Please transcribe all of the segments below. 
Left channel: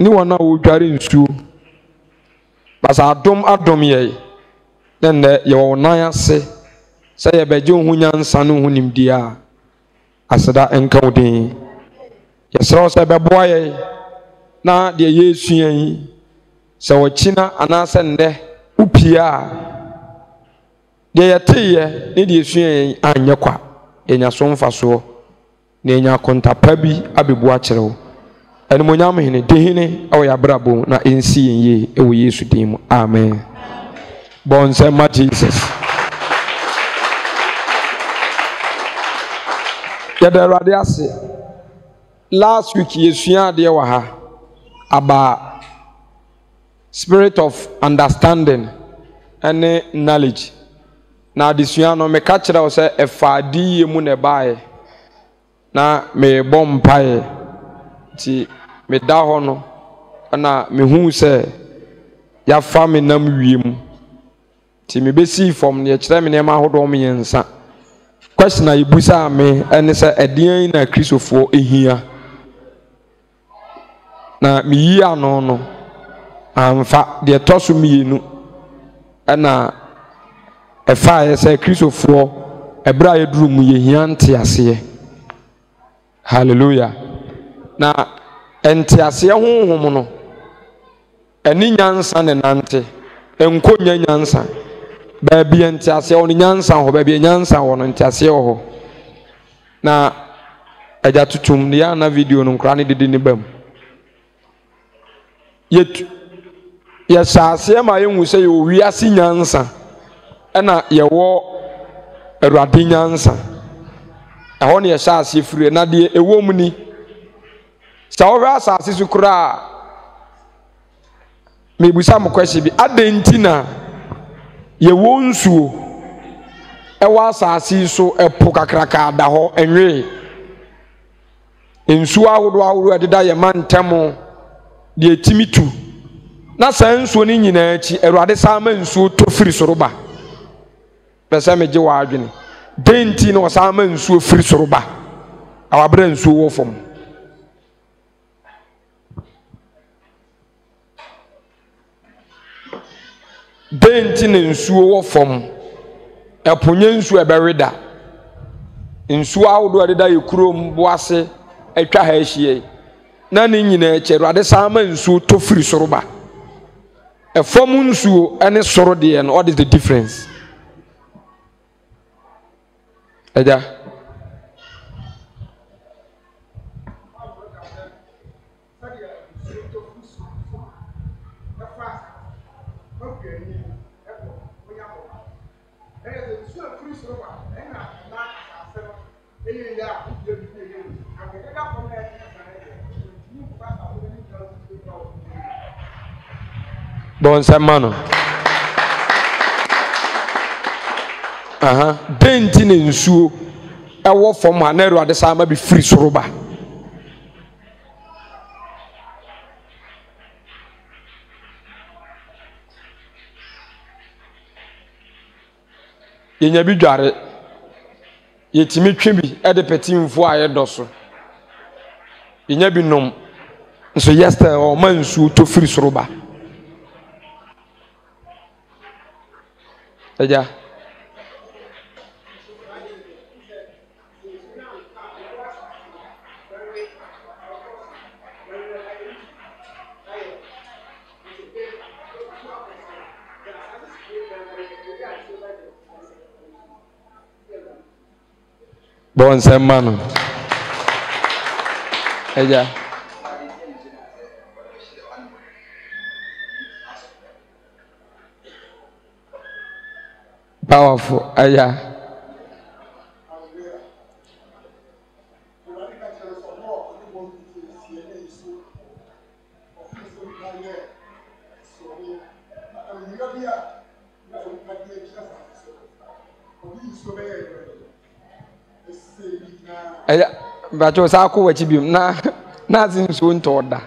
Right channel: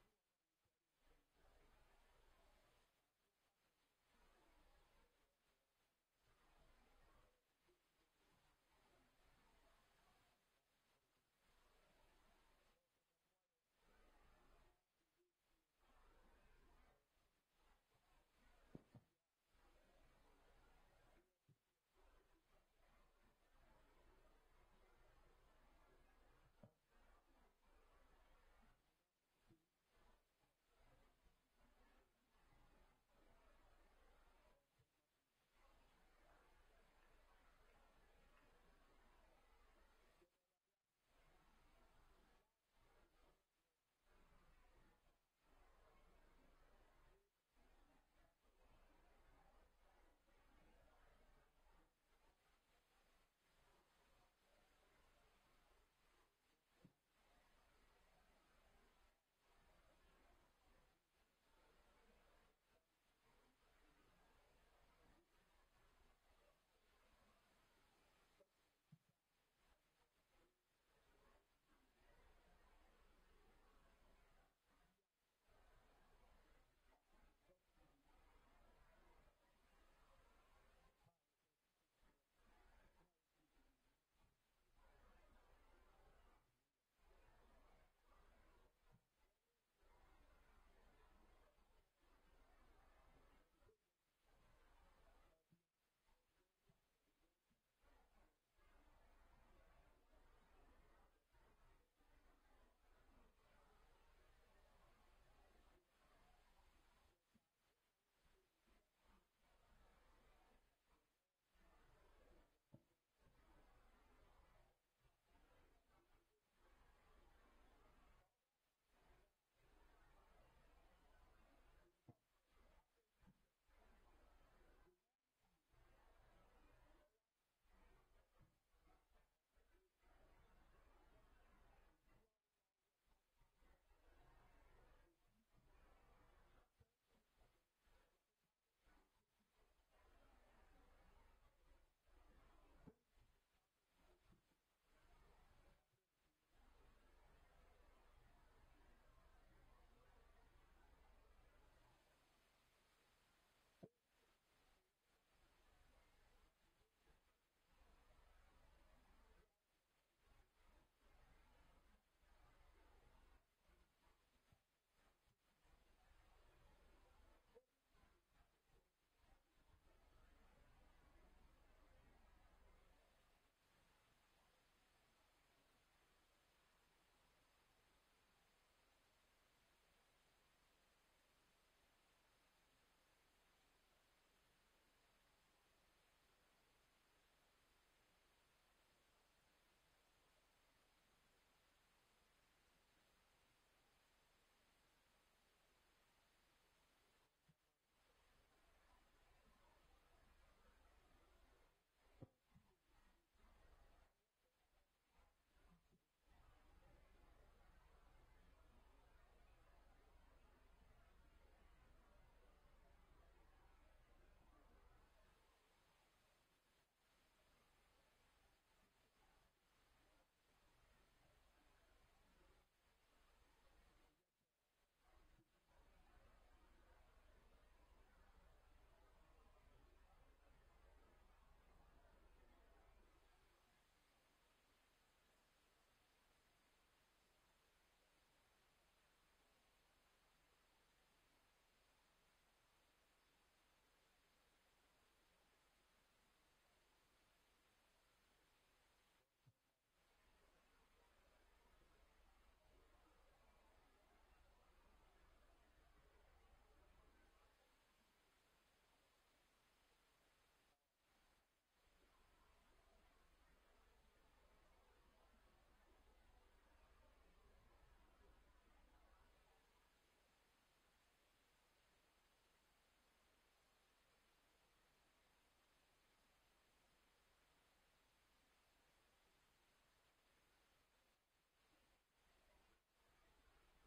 ni wana wo dware nsuo basa adom ye then ye wo nan ase say ye beje ho nyansa no ho nimdia aseda enka odin ye sraw say beboa ye na de Yesu yan se wo china anase nde upia de yeteye ne de Yesu yan anye kwa enya so mfaso na enya kontapa bi abebu a kyerɛw ene monyam hene de hene awo ya brabo na ensi yenye ewo Yesu dim amen bon say ma Jesus ya da rade ase last week Yesu ya de wa ha about spirit of understanding and knowledge na adesua no me ka kyerɛ wo sɛ ɛfaadi mu ne bae na me bompae ti me da ho no na me hu sɛ ya fa me nam wiem ti me besi form ne kyerɛ me ne ma hodo me yensa question na ibusa me ene sɛ ɛdean na kristofo ehia na me yi ano no amfa de toso mienu na efa ye say kristofo ebra ye duru mu ye hiante ase hallelujah na ente ase honhom no eni nyansa ne nante enkonya nyansa ba bi ente ase on nyansa ho ba bi nyansa ho no ente ase ho na eja tutum ne ya na video no nkra ne dede ne bam yet ya saase ma ye hu say yo wiase nyansa ena ye wo Awurade nyansa ɛhɔ ne ye saase firi na de ewo mu ni sa wo hwa saase su kura me busa mo kwese bi adentina ye wo nsuo ɛwa saase so ɛpo kakraka da hɔ enwe nsuo ahodo ɛdeda ye mantemo de etimitu na san nsuo ni nyina achi Awurade sama nsuo to firi soroba pese meje wa adwene denti no sama nsuo firi soroba awabra nsuo wo fom denti ne nsuo wo fom eponye nsuo ebereda nsuo ahodo adeda yekurom boase atwa ha ahie na ne nyina achi Awurade sama nsuo to firi soroba a form nsuo ene soro de and what is the difference eja bon semano denti ne nsuo ewo fom ha na Awurade sama bi firi soroba yenya bi dware yetimi twe bi ede petimfo aye doso yenya bi nom so yesterday o man nsuo to firi soroba eja bon semano eja powerful eja bacho sa ko wachi bi na zin so ntoda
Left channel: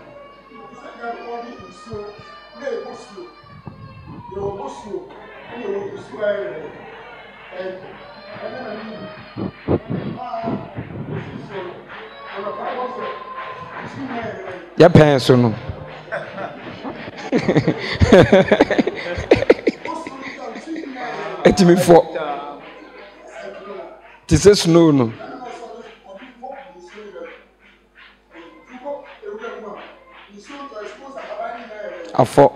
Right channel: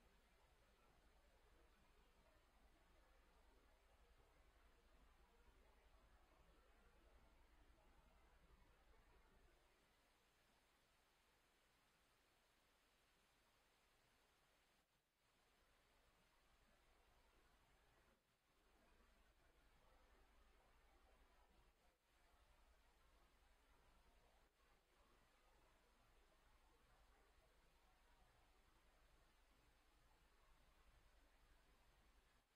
ya penso no Etimi fo. Ti se snow no. Afọ.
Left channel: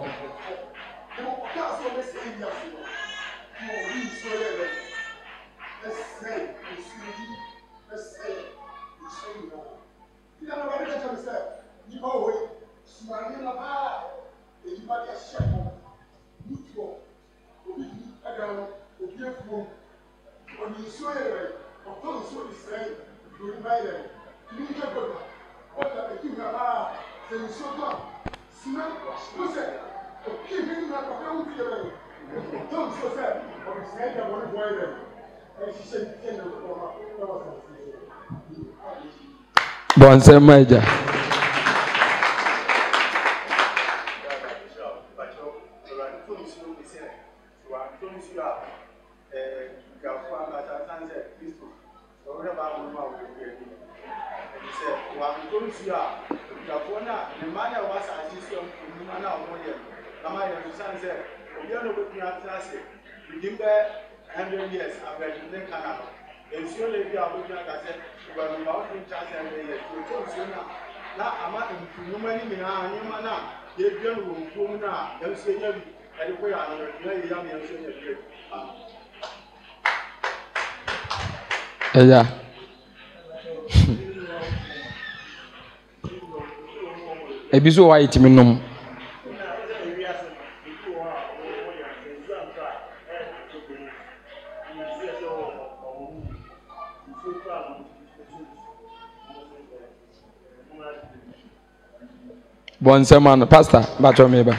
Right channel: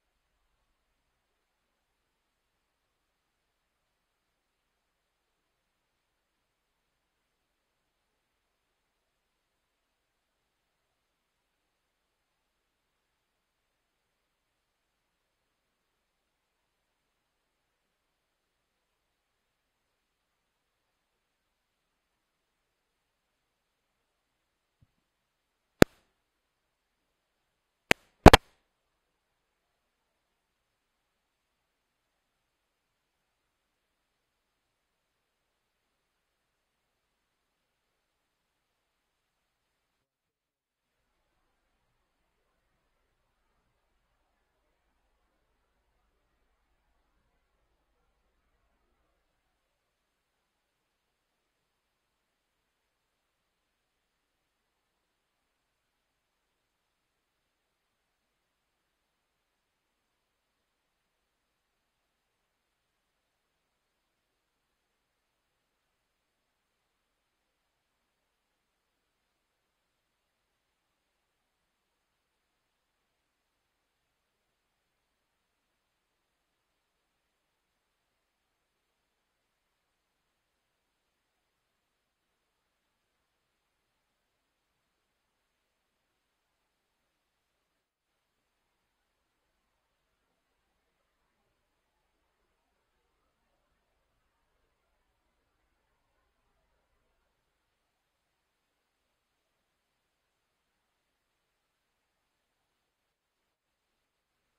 Bonse maija. Yeah. Ebiso wa itimi nom. Bonse man, pastor, bacho meba.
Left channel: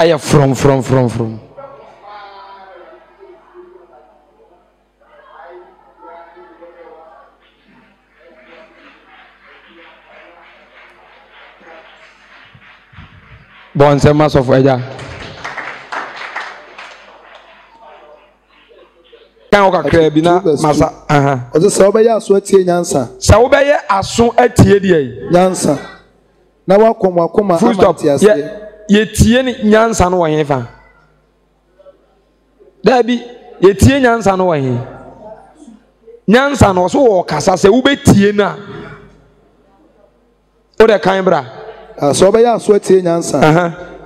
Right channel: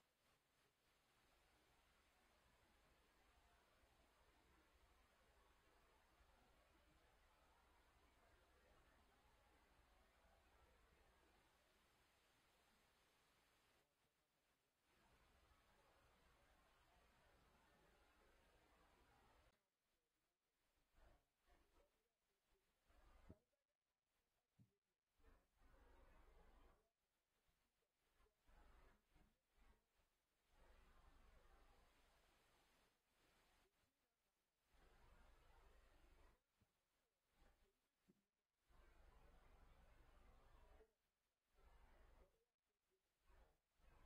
Aya from. Bonse masof eja. Kan o kakra bi na masa. Ozo se obeya aso atie nyansa. Se obeye aso atie die. Nyansa. Na wakoma amatiase. Ye tie ni nyansa no wo fa. Dabi ye tie nyansa no wo nyansa no so wo kasa se wo betie na. O de kan bra. So obeya aso atie nyansa.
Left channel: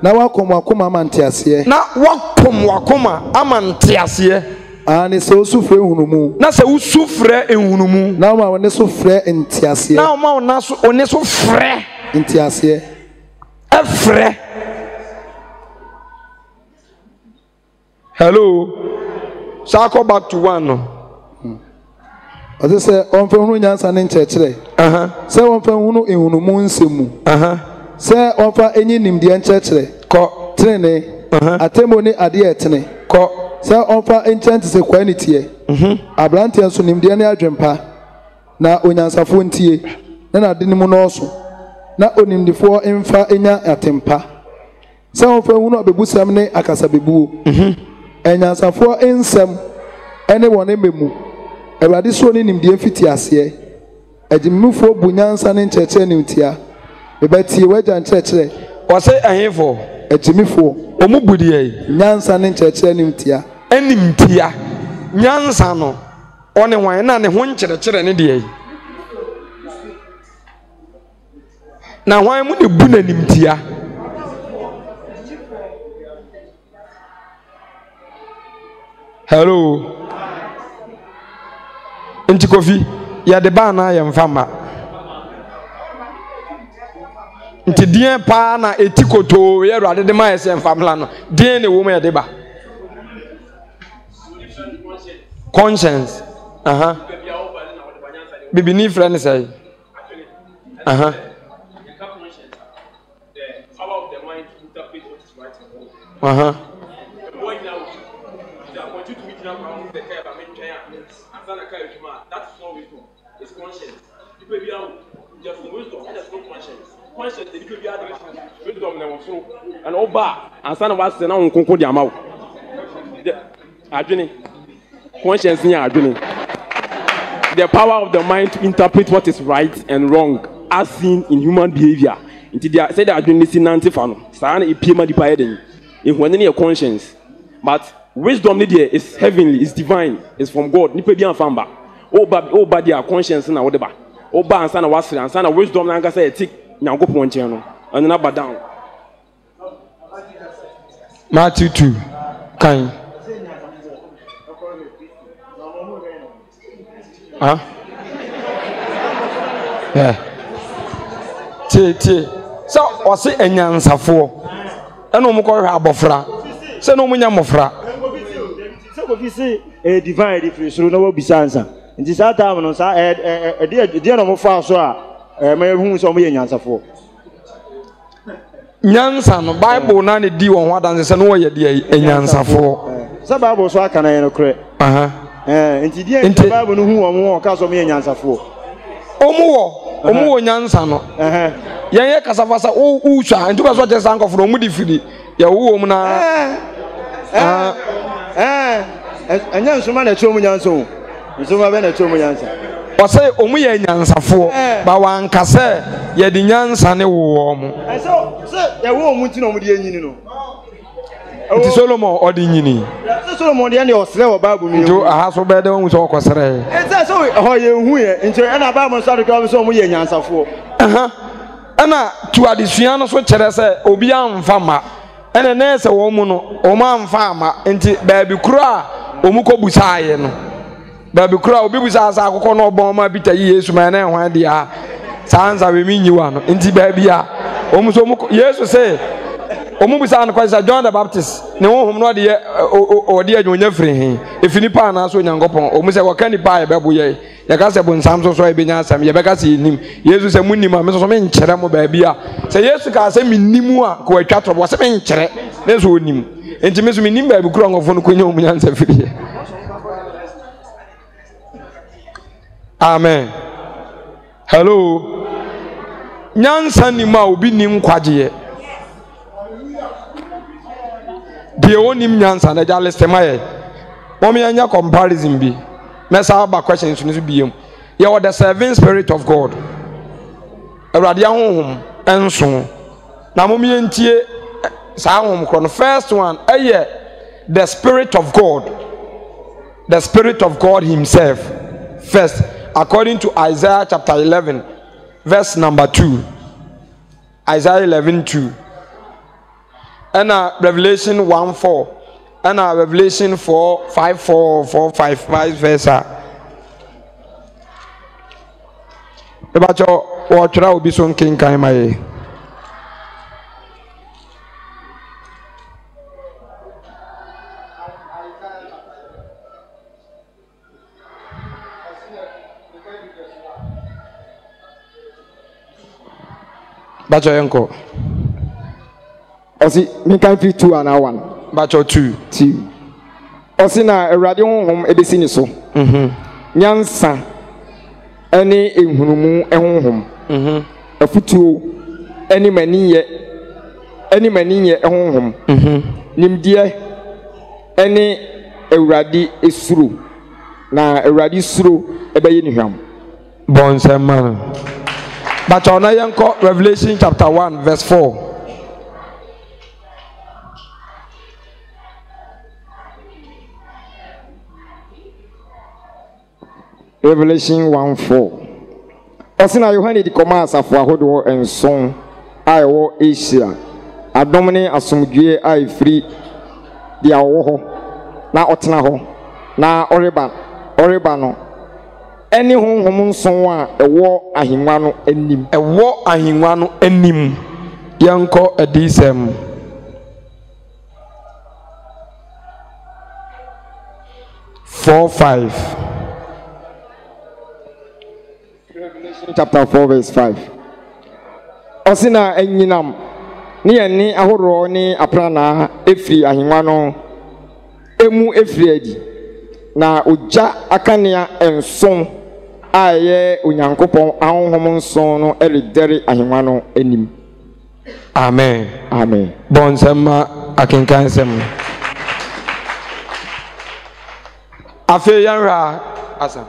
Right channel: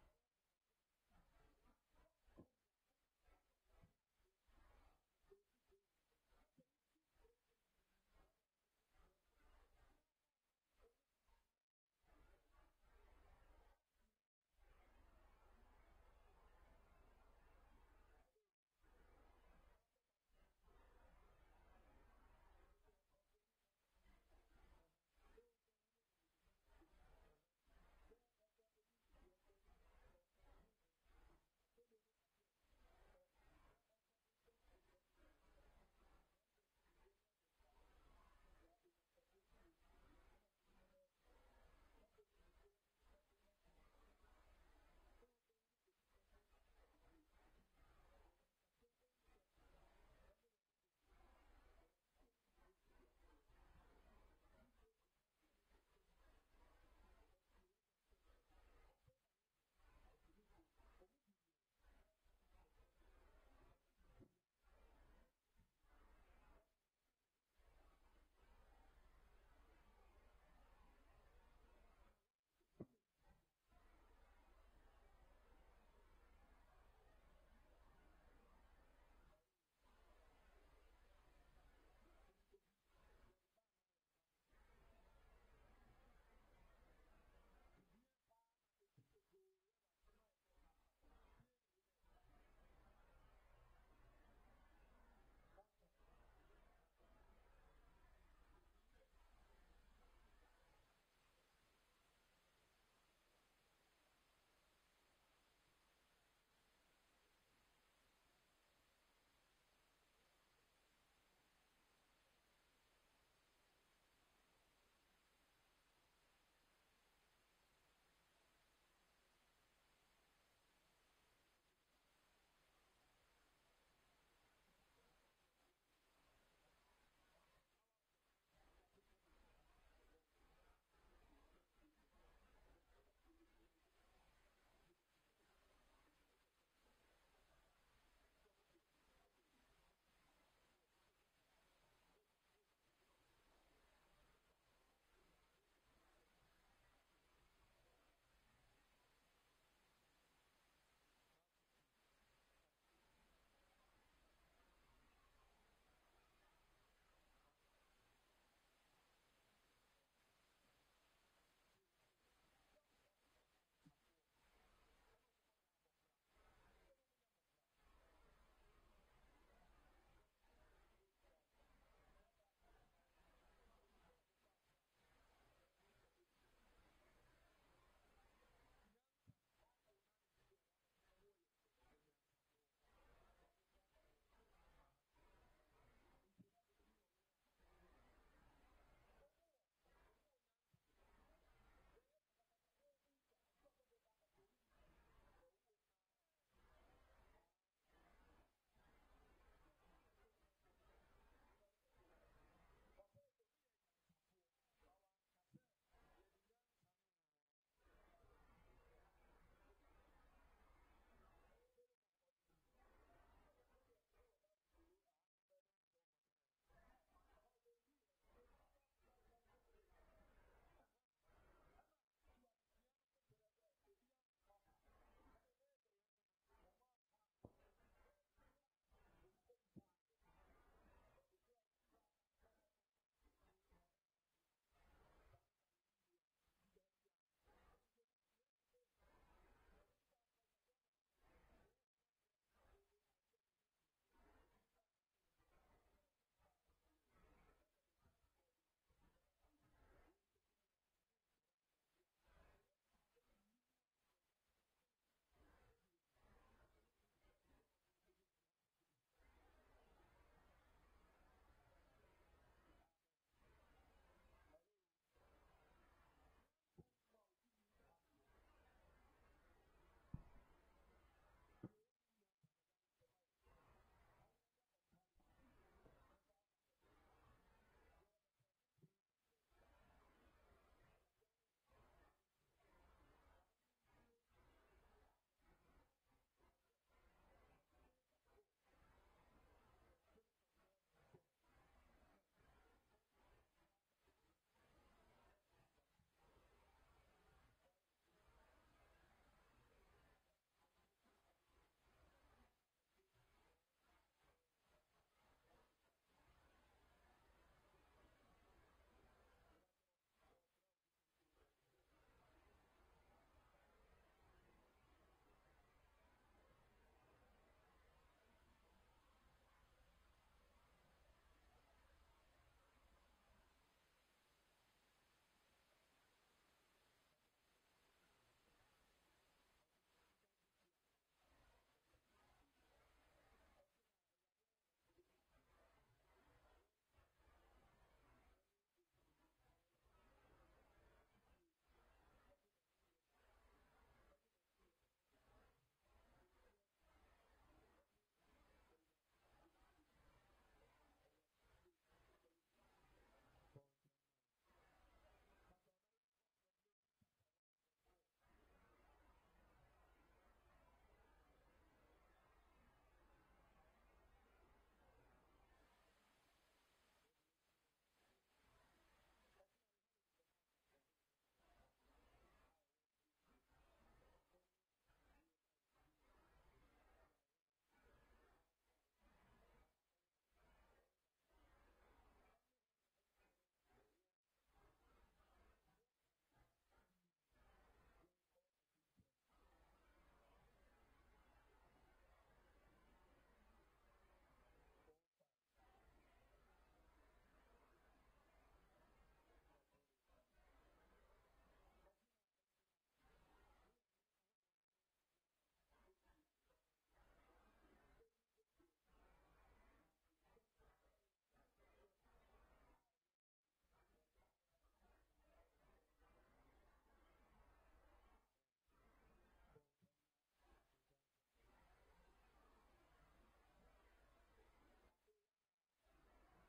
Na wakoma amantiase. Na wakoma amantiase. Ani se usufre ehunumu. Na se usufre ehunumu. Na ma woni so frɛ ntiase. Na ma wona so oni so frɛ ntiase. Efrɛ. Hello. So go back to one no. Ozo se onfa hunu nyansa ne nkyerɛkyerɛ. Se onfa hunu ehunumu nsemu. Se onfa enyi nimdeɛ nkyerɛkyerɛ. Kɔ trene. Atemo ne ade etene. Kɔ se onfa enkyɛnte se kwanitiɛ. Abranteɛ so nimdeɛ ne adwempa. Na onyansafo ntie. Na ade ne mu no so. Na onimdifo emfa enya atempa. Se onfa hunu abebusam ne akasa bebuo. Enyansafo ensem ene wone memu. Ewade so ne nimdeɛ fiti aseɛ. Agimufo bunyansa ne nkyerɛkyerɛ ne ntia. Ebatie wagya nkyerɛkyerɛ. Ɔse ahefo. Agimufo. Omu budie. Nyansa ne nkyerɛkyerɛ ne ntia. Enimtia. Nyansa no. One wan na ne ho nkyerɛkyerɛ ne deɛ. Na wan mu ne bu na nimtia. Hello. Inti Kofi, ya de ba na ya mfama. Nti dien pa na etikoto ye Awurade de ma ye se mfamla no. Dien ne wo ma ya de ba. Conscience. Bibi ni friend say. The power of the mind to interpret what is right and wrong. That's not wisdom. It's conscience. People be out just from wisdom and there's no conscience. Conscience, they could be out of wisdom and Oba and son of us and on Concord Yamau. Conscience near the power of the mind to interpret what is right and wrong as seen in human behavior. Until they say that listening antifano, Sana a pima dividing in when any conscience. But wisdom is heavenly, is divine, is from God. Nipe bi anfamba. Oba dia conscience na whatever. Oba ansa na wasre ansa na wisdom na ngasa etik Nyankopon nchen no. Anu na badown. Matthew 2. Kind. Huh? Yeah. Tie. So, o se enyansafo. Eno mo ko hwe abofra. Se no mo nya mofra. Se ko fi se divine difference no wo bisansa. Nti sa ta no sa de no mo fa so a ma hu so mo ye nyansafo. Nyansa no Bible na ne di won ho adanse se no wo ye de enyansafo. Sa Bible so aka na ye no kre. Nti die Bible no hu wo ka so mo ye nyansafo. Omu wo nyansa no. Ye kasafasa wo hwa nti ba so je sankofo no mu di fidi. Ye wo mu na anya nsoma na chomu nyanso. Nsoma be na chomu nyansa. O say omu ye nyansafo ba wan kase ye di nyansa ne wo mu. So ye wo mu nti no mu di enyini no. Nti Solomon o di nyini. Solomon de ne osre wo Bible mi. Jo aha so be de wo so okosre. So ho ye hu ye nti na Bible so de ka so mu ye nyansafo. Ana tu adesua no so kere se obi amfama. Ene na ese wo mu no o ma amfama nti ba bi kura omu ko busaaye no. Ba bi kura obi busaasa akoko no obon ma bita yi Yesu ma na ehwan dia. Sanza we mi nyiwa no nti ba bia omu so mu Yesu se omu busa no kwasa John the Baptist ne wo hom no de odi adwonya firi hin efini pa na so Nyankopon omu se wo kani pa ye bebo ye ya ka se bonsam so e benya asam ye beka se nim Yesu se munnim a me so me nkyere mo ba bia se Yesu ka se minnimu a ko atwa trobo se me nkyere ne so onim enti me so minnim ba bi kura ngofo no konya omu nyansa firi ye. Amen. Hello. Nyansa ni ma obi nim kwaje de onim nyansa na jale semaye mo me anya comparison bi mesa ba questions no bi yem ye wo the seven spirit of God awrade ahonhom enso na mo me ntie sa ahonhom kro no first one the spirit of God himself first according to Isaiah chapter 11 verse number 2. Isaiah 11:2. And Revelation 1:4. And Revelation 4:5 verse. About your watch will be so king Kaimaye. Bacho yanko. Osi me kan fi 2 and 1. Bacho 2. Osi na Awurade honhom ebesi ni so. Nyansa ene ehunumu ehonhom. Afutuo ene maniye ehonhom. Nimdie ene Awurade esuro. Na Awurade suro ebeye ni hwam. Bonsema. Bacho na yanko Revelation chapter 1 verse 4. Revelation 1:4. Osina Yohane di koma asafo ahodo enson ayewo Asia. Adom ne asomdwe ayefiri dia wo ho na otena ho na ɔreba no ɛne honhom nson a ɛwɔ ahengua no anim yɛnkɔ adisɛm chapter 4 verse 5 ɔsina anyinam ne yɛne ahoroɔ ne aprana efiri ahengua no emu efiri adi na ogya akanea nson a ɛyɛ onyankopɔn ahonhom nson no ɛredɛre ahengua no anim. Amen. Amen. Bonsema akenkan sem. Afe yanra asa.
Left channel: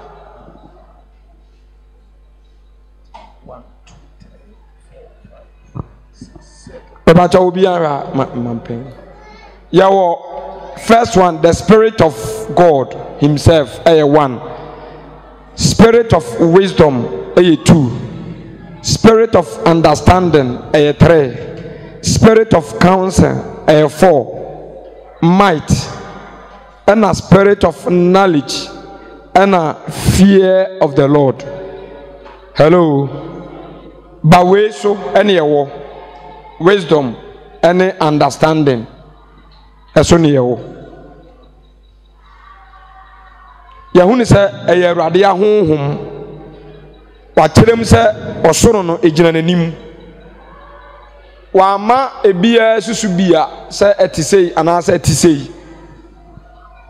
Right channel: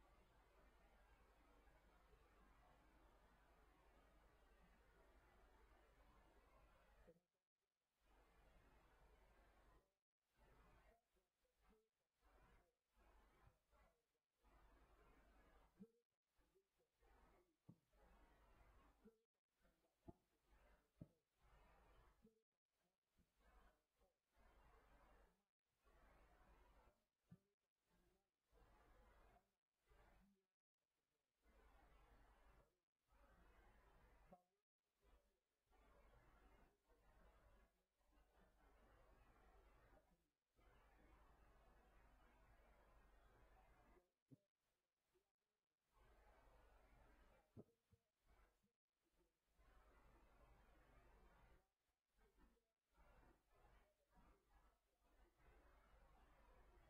1 2 3 4 5 6 7. Ebacha obi yanra mampen. Yawo first one, the Spirit of God himself, one. Spirit of wisdom, 2. Spirit of understanding, 3. Spirit of counsel, 4. Might, and a spirit of knowledge, and a fear of the Lord. Hello. Baweso, any wisdom, any understanding. Esoniyewo. Yahuni se eye Awurade ahonhom. Wakyerem se osoro no egyina nanim. Wama ebia susu bia se etisei anase etisei.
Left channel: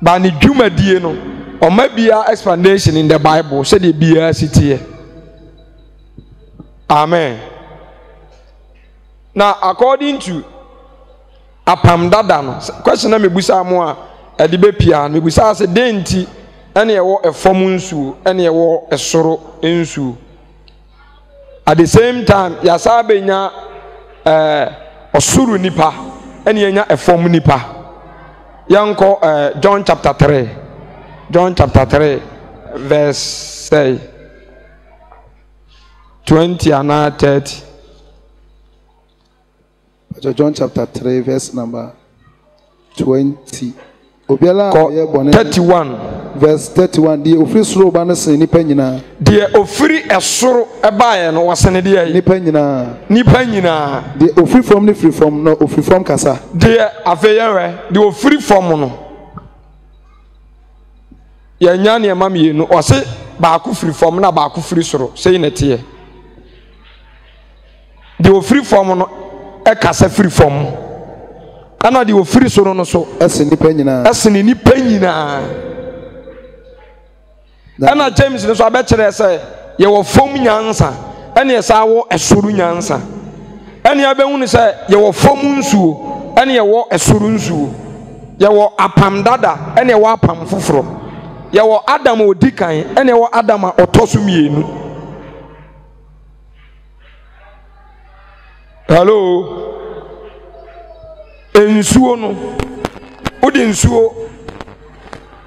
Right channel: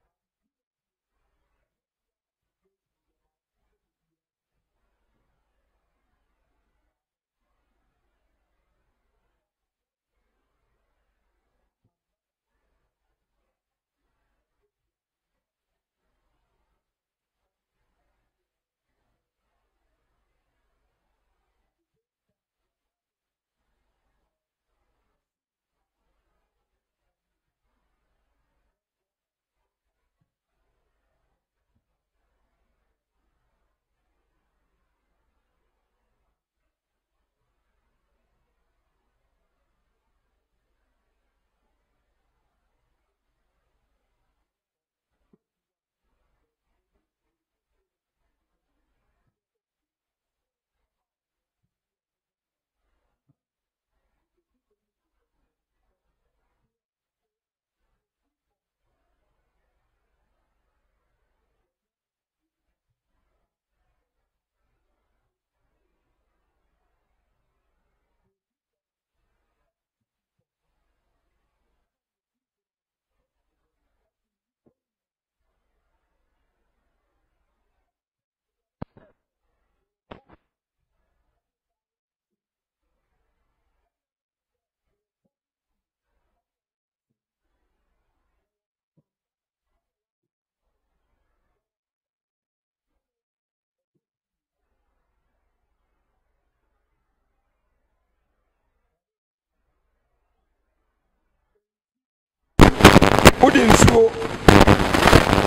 Ba ne dwumadie no, oma bia explanation in the Bible se de bia sitie. Amen. Now according to apam dada no question na mebusa mo a ade be pia mebusa se denti ene ewo efom nsuo ene ewo esoro nsuo at the same time yasa benya osuru nipa ene enya efom nipa yanko John chapter 3 verse say 20 and 30. John chapter 3 verse number 20. 31 verse 31. The ofri soro ba no sen nipa nyina. The ofri esoro ebaye no wasene de nipa nyina. The ofri from the free from no ofri from kasa. The afeyenwe the ofri from no. Ya nya ne ma mienu o se ba ku free from na ba ku free soro sei na tie. The ofri from no ekasa free from ana de ofiri soro no so eseni nipa nyina ana James no so abekere se ye wo fom nyansa ene esa wo esoro nyansa ene abehunu se ye wo fom nsuo ene ye wo esoro nsuo ye wo apam dada ene wo apam foforo ye wo Adam odikan ene wo Adam otoso mienu. Hello. Ensuo no odi nsuo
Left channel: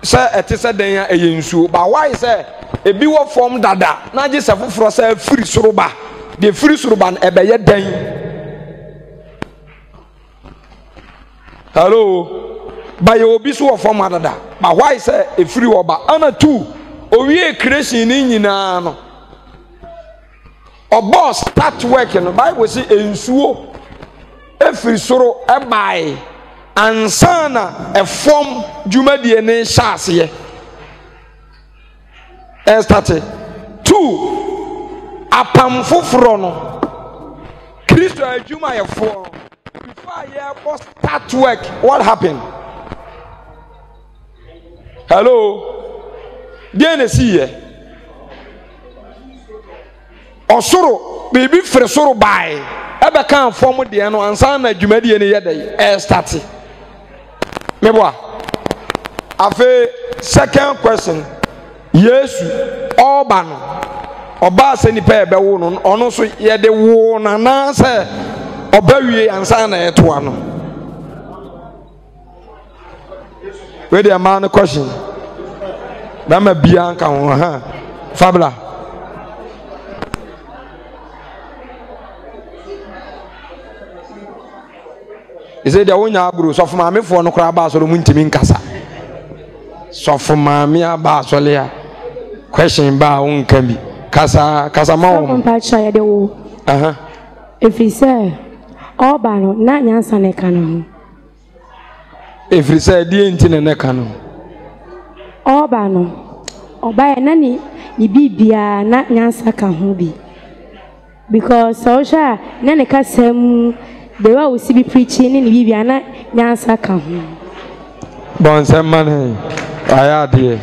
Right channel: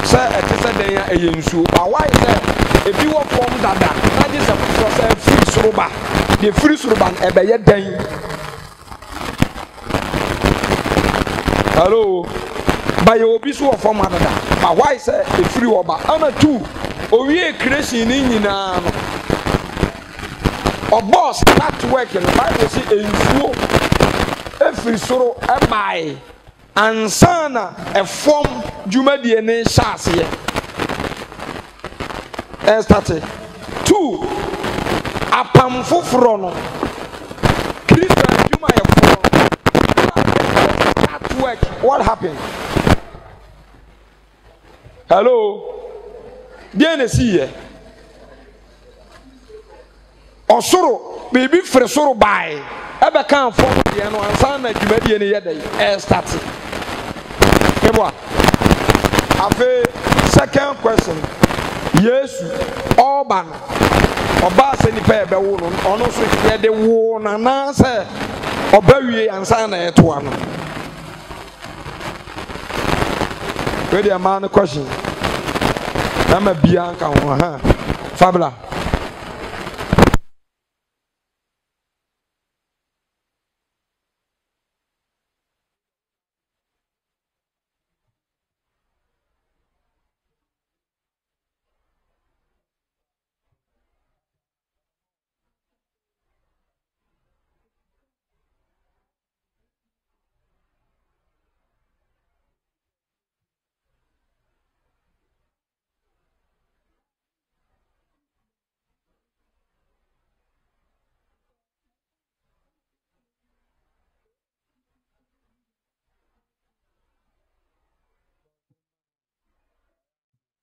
se etese den ya eye nsuo ba why se ebi wo form dada na je se foforo se free soroba de free soroba na ebeye den. Hello. Ba ye obi so wo form dada ba why se e free oba ana tu owie creation ni nyina no obo start work no Bible say ensuo efiri soro ebai ansana efom dwumadie ne hyase e start 2 apam foforo no Kristo adwuma ye foro start work. What happened? Hello. Bien esi ye osoro baby fere soro bai ebe kan form de no ansa na dwumadie ne yedai e start meboa. Afe second question, Yesu oba no oba se nipa ebe wo no ono so yede wo na na se oba wie ansa na eto ano. We dey man question na ma bia nka ho ha fabula. He said, "The one abro so from me for no crab so muntimi nkasa. sɔfo maame aba asɔle a question ba wo nka bi kasa ma wo mpa cha ya de wo efiri sɛ ɔba no na nyansa ne ka no efiri sɛ die nti ne ka no ɔba no ɔba ya na ni bibia na nyansa ka ho bi because social na ne ka sam the way we see be preaching ni bibia na nyansa ka ho bon man ayade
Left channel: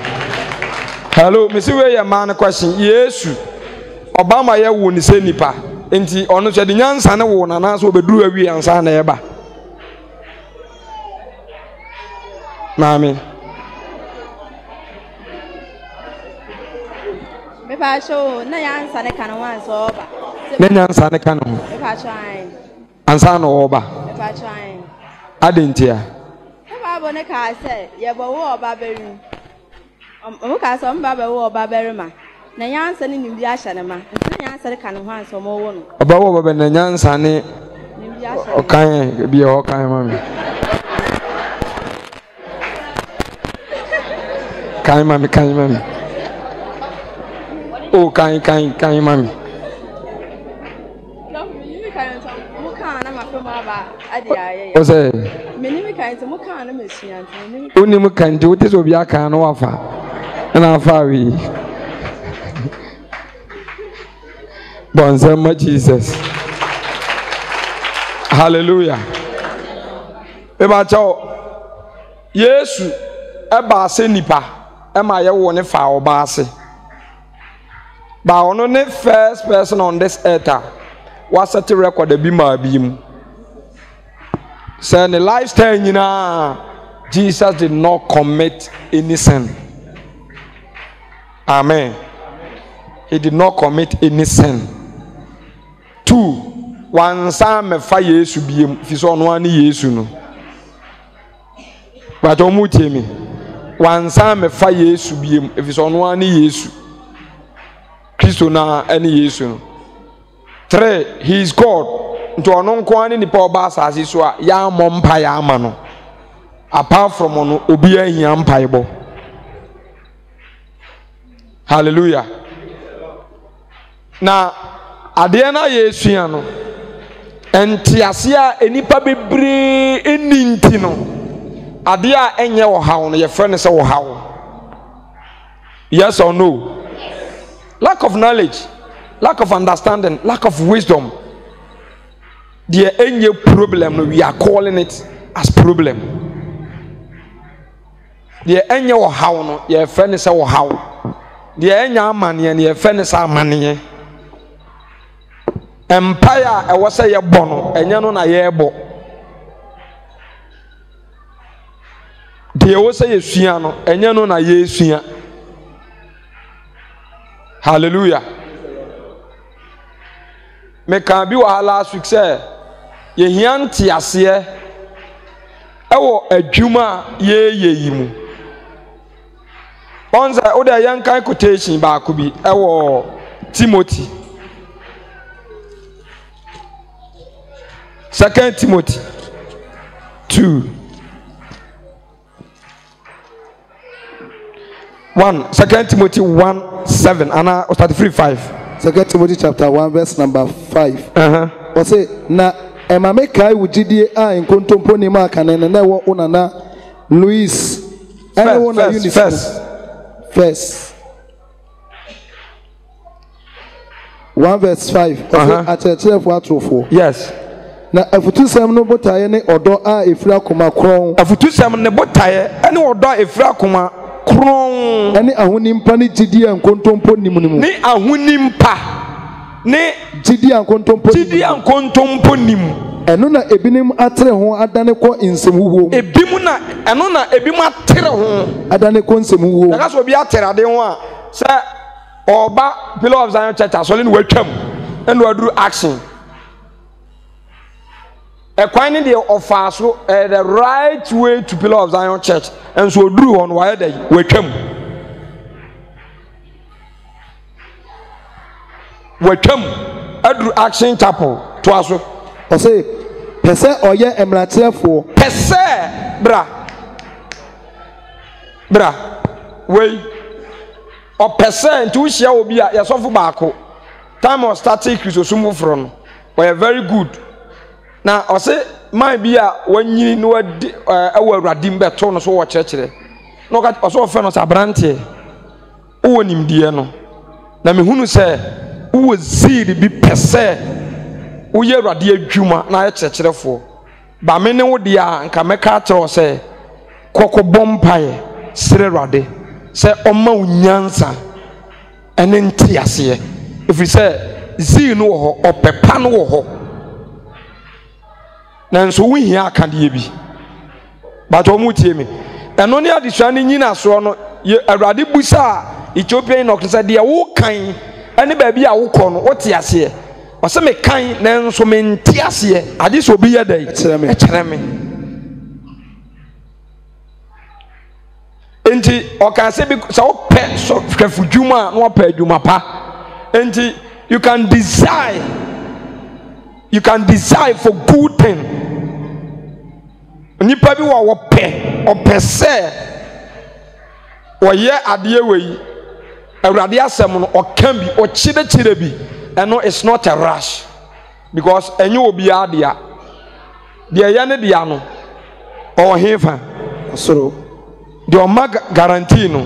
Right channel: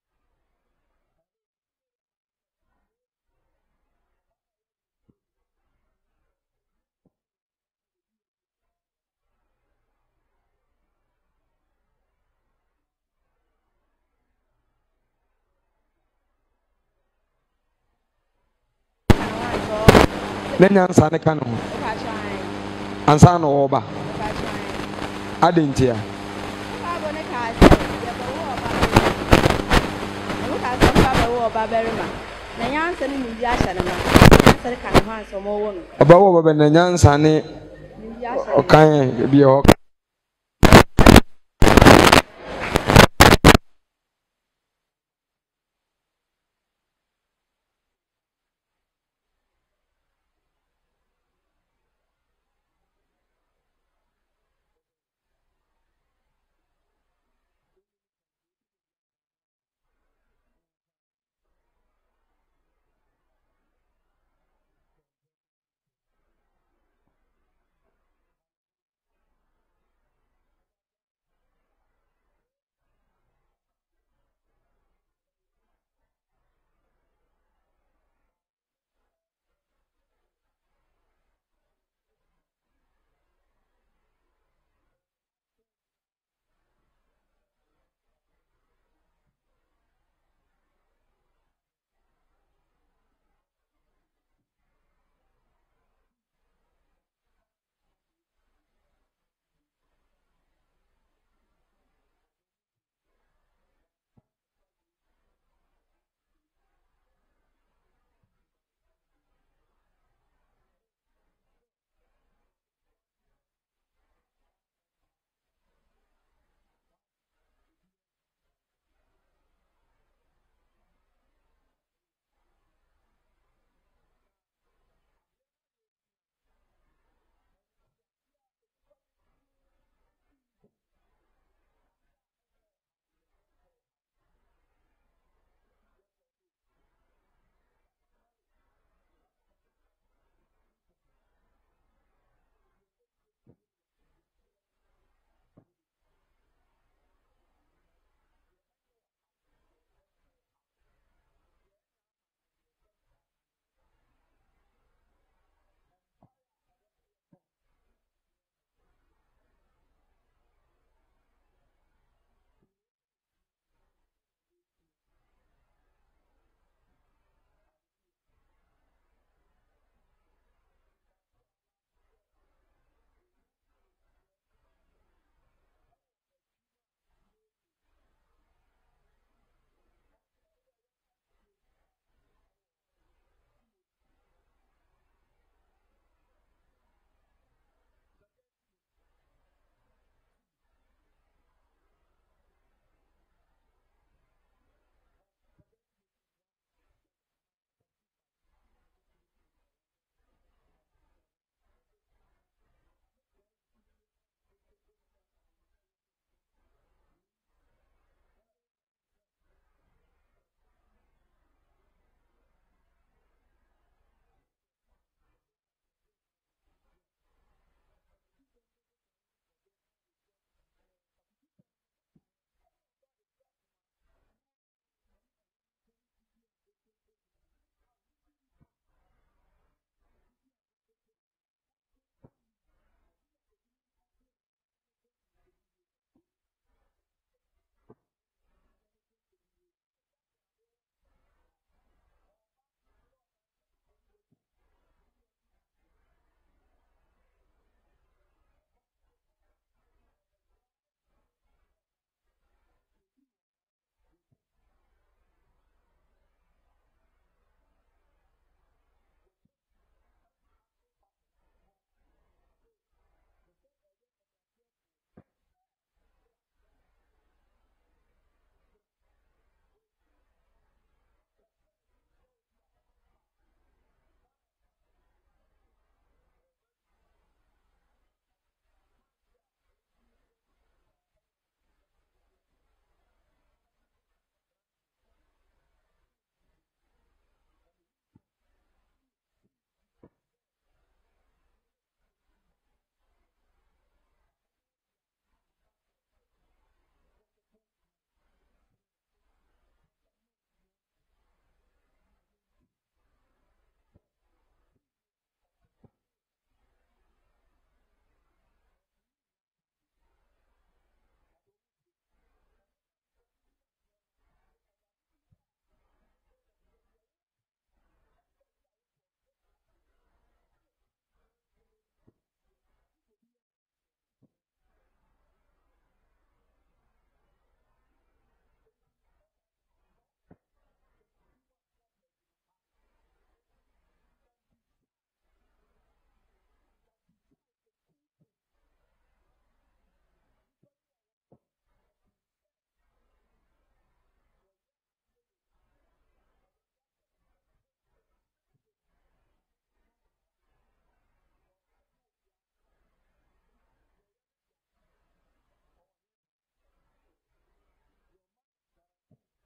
hello me see we man question yesu obama ye wo ni se nipa enti ono so de nyansa ne wo na na so obeduru awi ansa na eba mami me pa show na nyansa ne kana wan so na nyansa ne kana ho me pa try ansa na wo ba me pa try adentia Baba ne ka say ye bo wo oba beri mo ka so baba wo oba beri ma na nyansa ne nimbi ahya ne ma nyansa ne ka ne ho anso mo wo no oba wo baba na nyansa ne nimbi ahya okan bi o kan mami kan mami o kan mami o say Uni mukanti wote so bia kan no wafa na afa wi Bonzema Jesus Hallelujah Eba cho Yesu eba ase nipa ema ye wo ne fa oba ase ba ono ne first person on this earth was set a record bi ma bi mu say the lifestyle nyina Jesus did not commit any sin. Amen. He did not commit any sin. 2. One time fa Yesu biem fi so no ani Yesu no. But omu temi. One time fa Yesu biem fi so no ani Yesu. Kristo na ani Yesu no. 3. He is God. Nto ono nko ani nipa oba asase so a ya mompa ya ama no. Apart from ono obi ahia mpaibo. Hallelujah. Na ade na Yesu ya no entiase a enipa bebre eninti no ade a enye wo hawo no ye frɛ se wo hawo. Yes or no? Lack of knowledge, lack of understanding, lack of wisdom. The enye problem no, we are calling it as problem. The enye wo hawo no ye frɛ se wo hawo. The enye amane ye frɛ se amane. Empire e was say bono enye no na ye bo. The was say yesua no enye no na ye sua. Hallelujah. Me can be wa last week say ye hianti ase e wo adwuma ye yimu. Onza o da yankan quotation ba ko bi e wo Timothy 2 Timothy 2 Timothy 1:7 and 33:5. 2 Timothy chapter 1 verse number 5. O say na ema me kai wujidie a nkontompo ni ma kanene na wo unana Louis ene wo na uniform first 1 verse 5. O say atechere fo atrofo. Yes. Na afutusam no botaye ne odo a efira koma kron. Afutusam ne botaye ene odo a efira koma kron. Ene ahunimpa ne gidi ankontompo nimunimu. Ne ahunimpa ne gidi ankontompo nimu. Eno na ebinim atere ho adane ko nsemhuwo. Ebimu na eno na ebimu atere ho adane ko nsemhuwo. Na kaso obi atere ade ho a se oba Pillar of Zion Church asole ne watwam eno aduru action. Ekwan ne de offer so the right way to Pillar of Zion Church and so oduru on why dey watwam aduru action chapel to aso o say pese oye emratrefo pese bra wei o percent wo hia obi a yesofo baako time of starting Christosum fro no we are very good na o se man bi a wanyini no adi ewo awradim beto no so wo kyerkyere no ka o so fe no sabrante wo nimdie no na mehunu se wo ziri bi pese wo ye awrade adwuma na ye kyerkyerefo ba me ne wo dia nka meka tro se koko bompae sere awrade se oma unyansa ene ntiase efiri se ziri no wo ho opepa no wo ho nanso wo hia akade bi but o mu tie me eno ne adesua ne nyina so no awrade busa Ethiopia no kse de wo kan ene ba bi a wo kɔ no wo te ase o se me kan nanso me ntiase ade so bi ye dai ekyere me enti o kan se bi so wo pɛ so hwafudwuma no pɛ adwuma pa enti you can desire for good thing nipa bi wo pɛ se oye ade wei awrade asem no okan bi o chire bi eno is not a rush because enye obi adea de ye ne dia no o hefa osoro de o mag guarantee no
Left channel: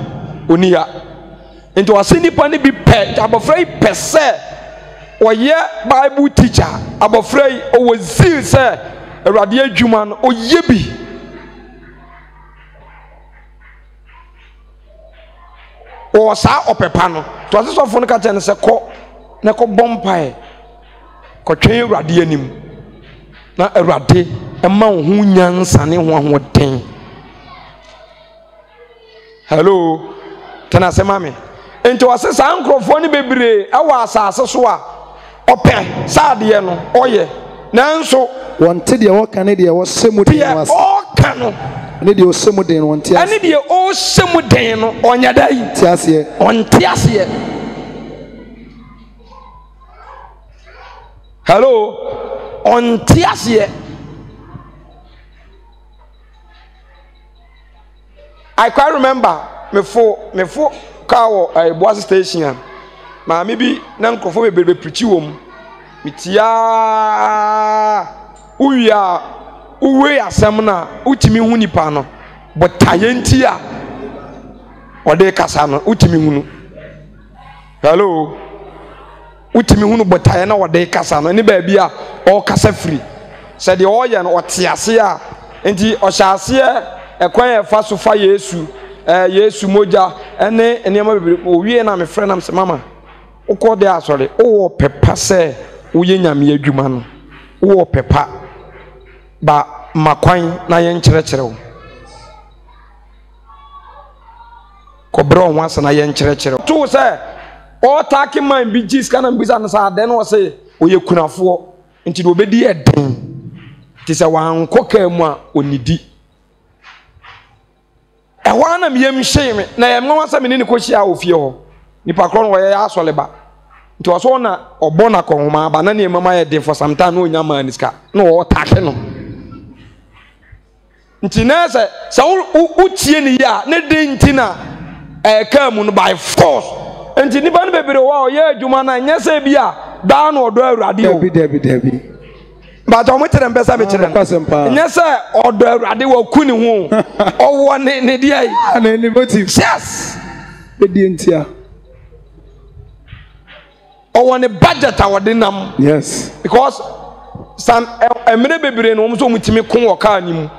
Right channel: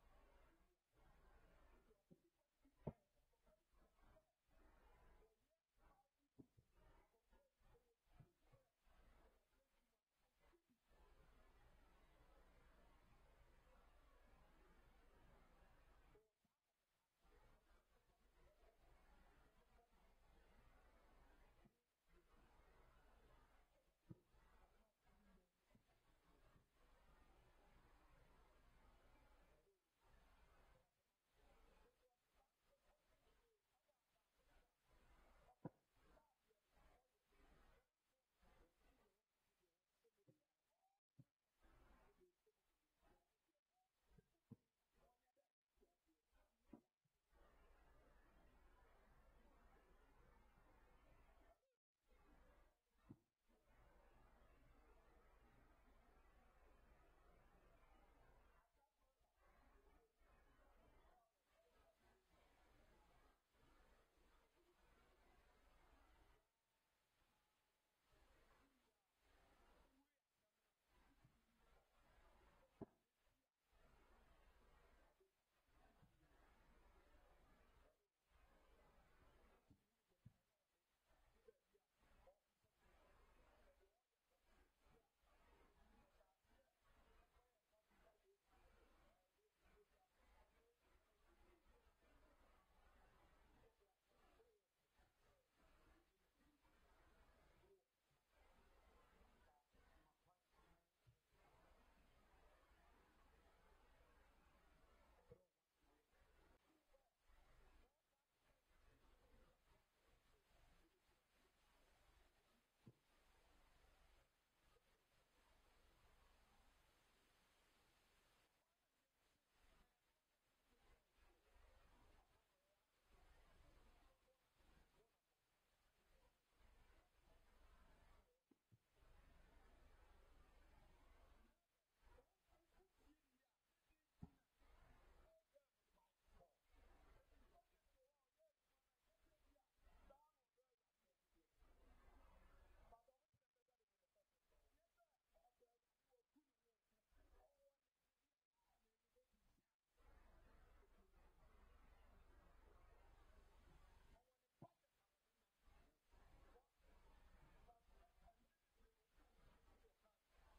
onia into asinipa ne bi pɛ abofrai pɛ se oye bible teacher abofrai o wazil se awrade adwuma no oye bi o sa opepa no to asesofo no ka tene se kɔ na kɔ bompae kɔ twen awrade anim na awrade ema wo hu nyansa ne ho ahoden hello tena se mame ento asesa ankrofo ne bebre awa asase so a opɛ saade no oye nanso wonte de wo kan de wo semu de was o kan no ne de o semu den wonte ase ane de o semu den no onya dai ti ase onte ase hello onte ase I quite remember me for car a bus station ma me bi na nkofo be preach wom mitia uya uwe asem na utimi hu nipa no but tayenti a ode kasa no utimi hu no hello utimi hu no but taye na ode kasa no ni ba bia o kasa free said the oye no otiase a enti o hyase ekwan e fa so fa Yesu Yesu moja ene enema bebe o wie na me frɛ nam se mama ukọ de asọrị o pepa se uye nyame adwuma no o pepa ba makwan na ye nkyerɛkyerɛ wo kɔbrɔ ho asa na ye nkyerɛkyerɛ to se o taki man bi gis kana mbisa na sa den wo se oye kunafo nti do obedi eden ti se wan koka mu a onidi ɛhɔ na meyam hyɛ me na yɛm nwa sa me ne ko hyia ofie hɔ nipa kro no wɔyɛ asɔle ba nti wɔso na ɔbɔ na kɔhoma ba na ne mama yɛ den for some time no nya ma niska na wɔ take no nti na sɛ utie ne ya ne de nti na ka mu no by force nti nipa no bebere wɔ ɔyɛ adwuma na nyɛ sɛ bi a da na ɔdɔ awurade o debi but omo tere mpesa me kire nya se odo awurade wa ku ni hu owo ne dia yi na ni motive yes be di ntia owo ne budget awode nam yes because some emre bebere no omo so mutimi kun wo ka ni mu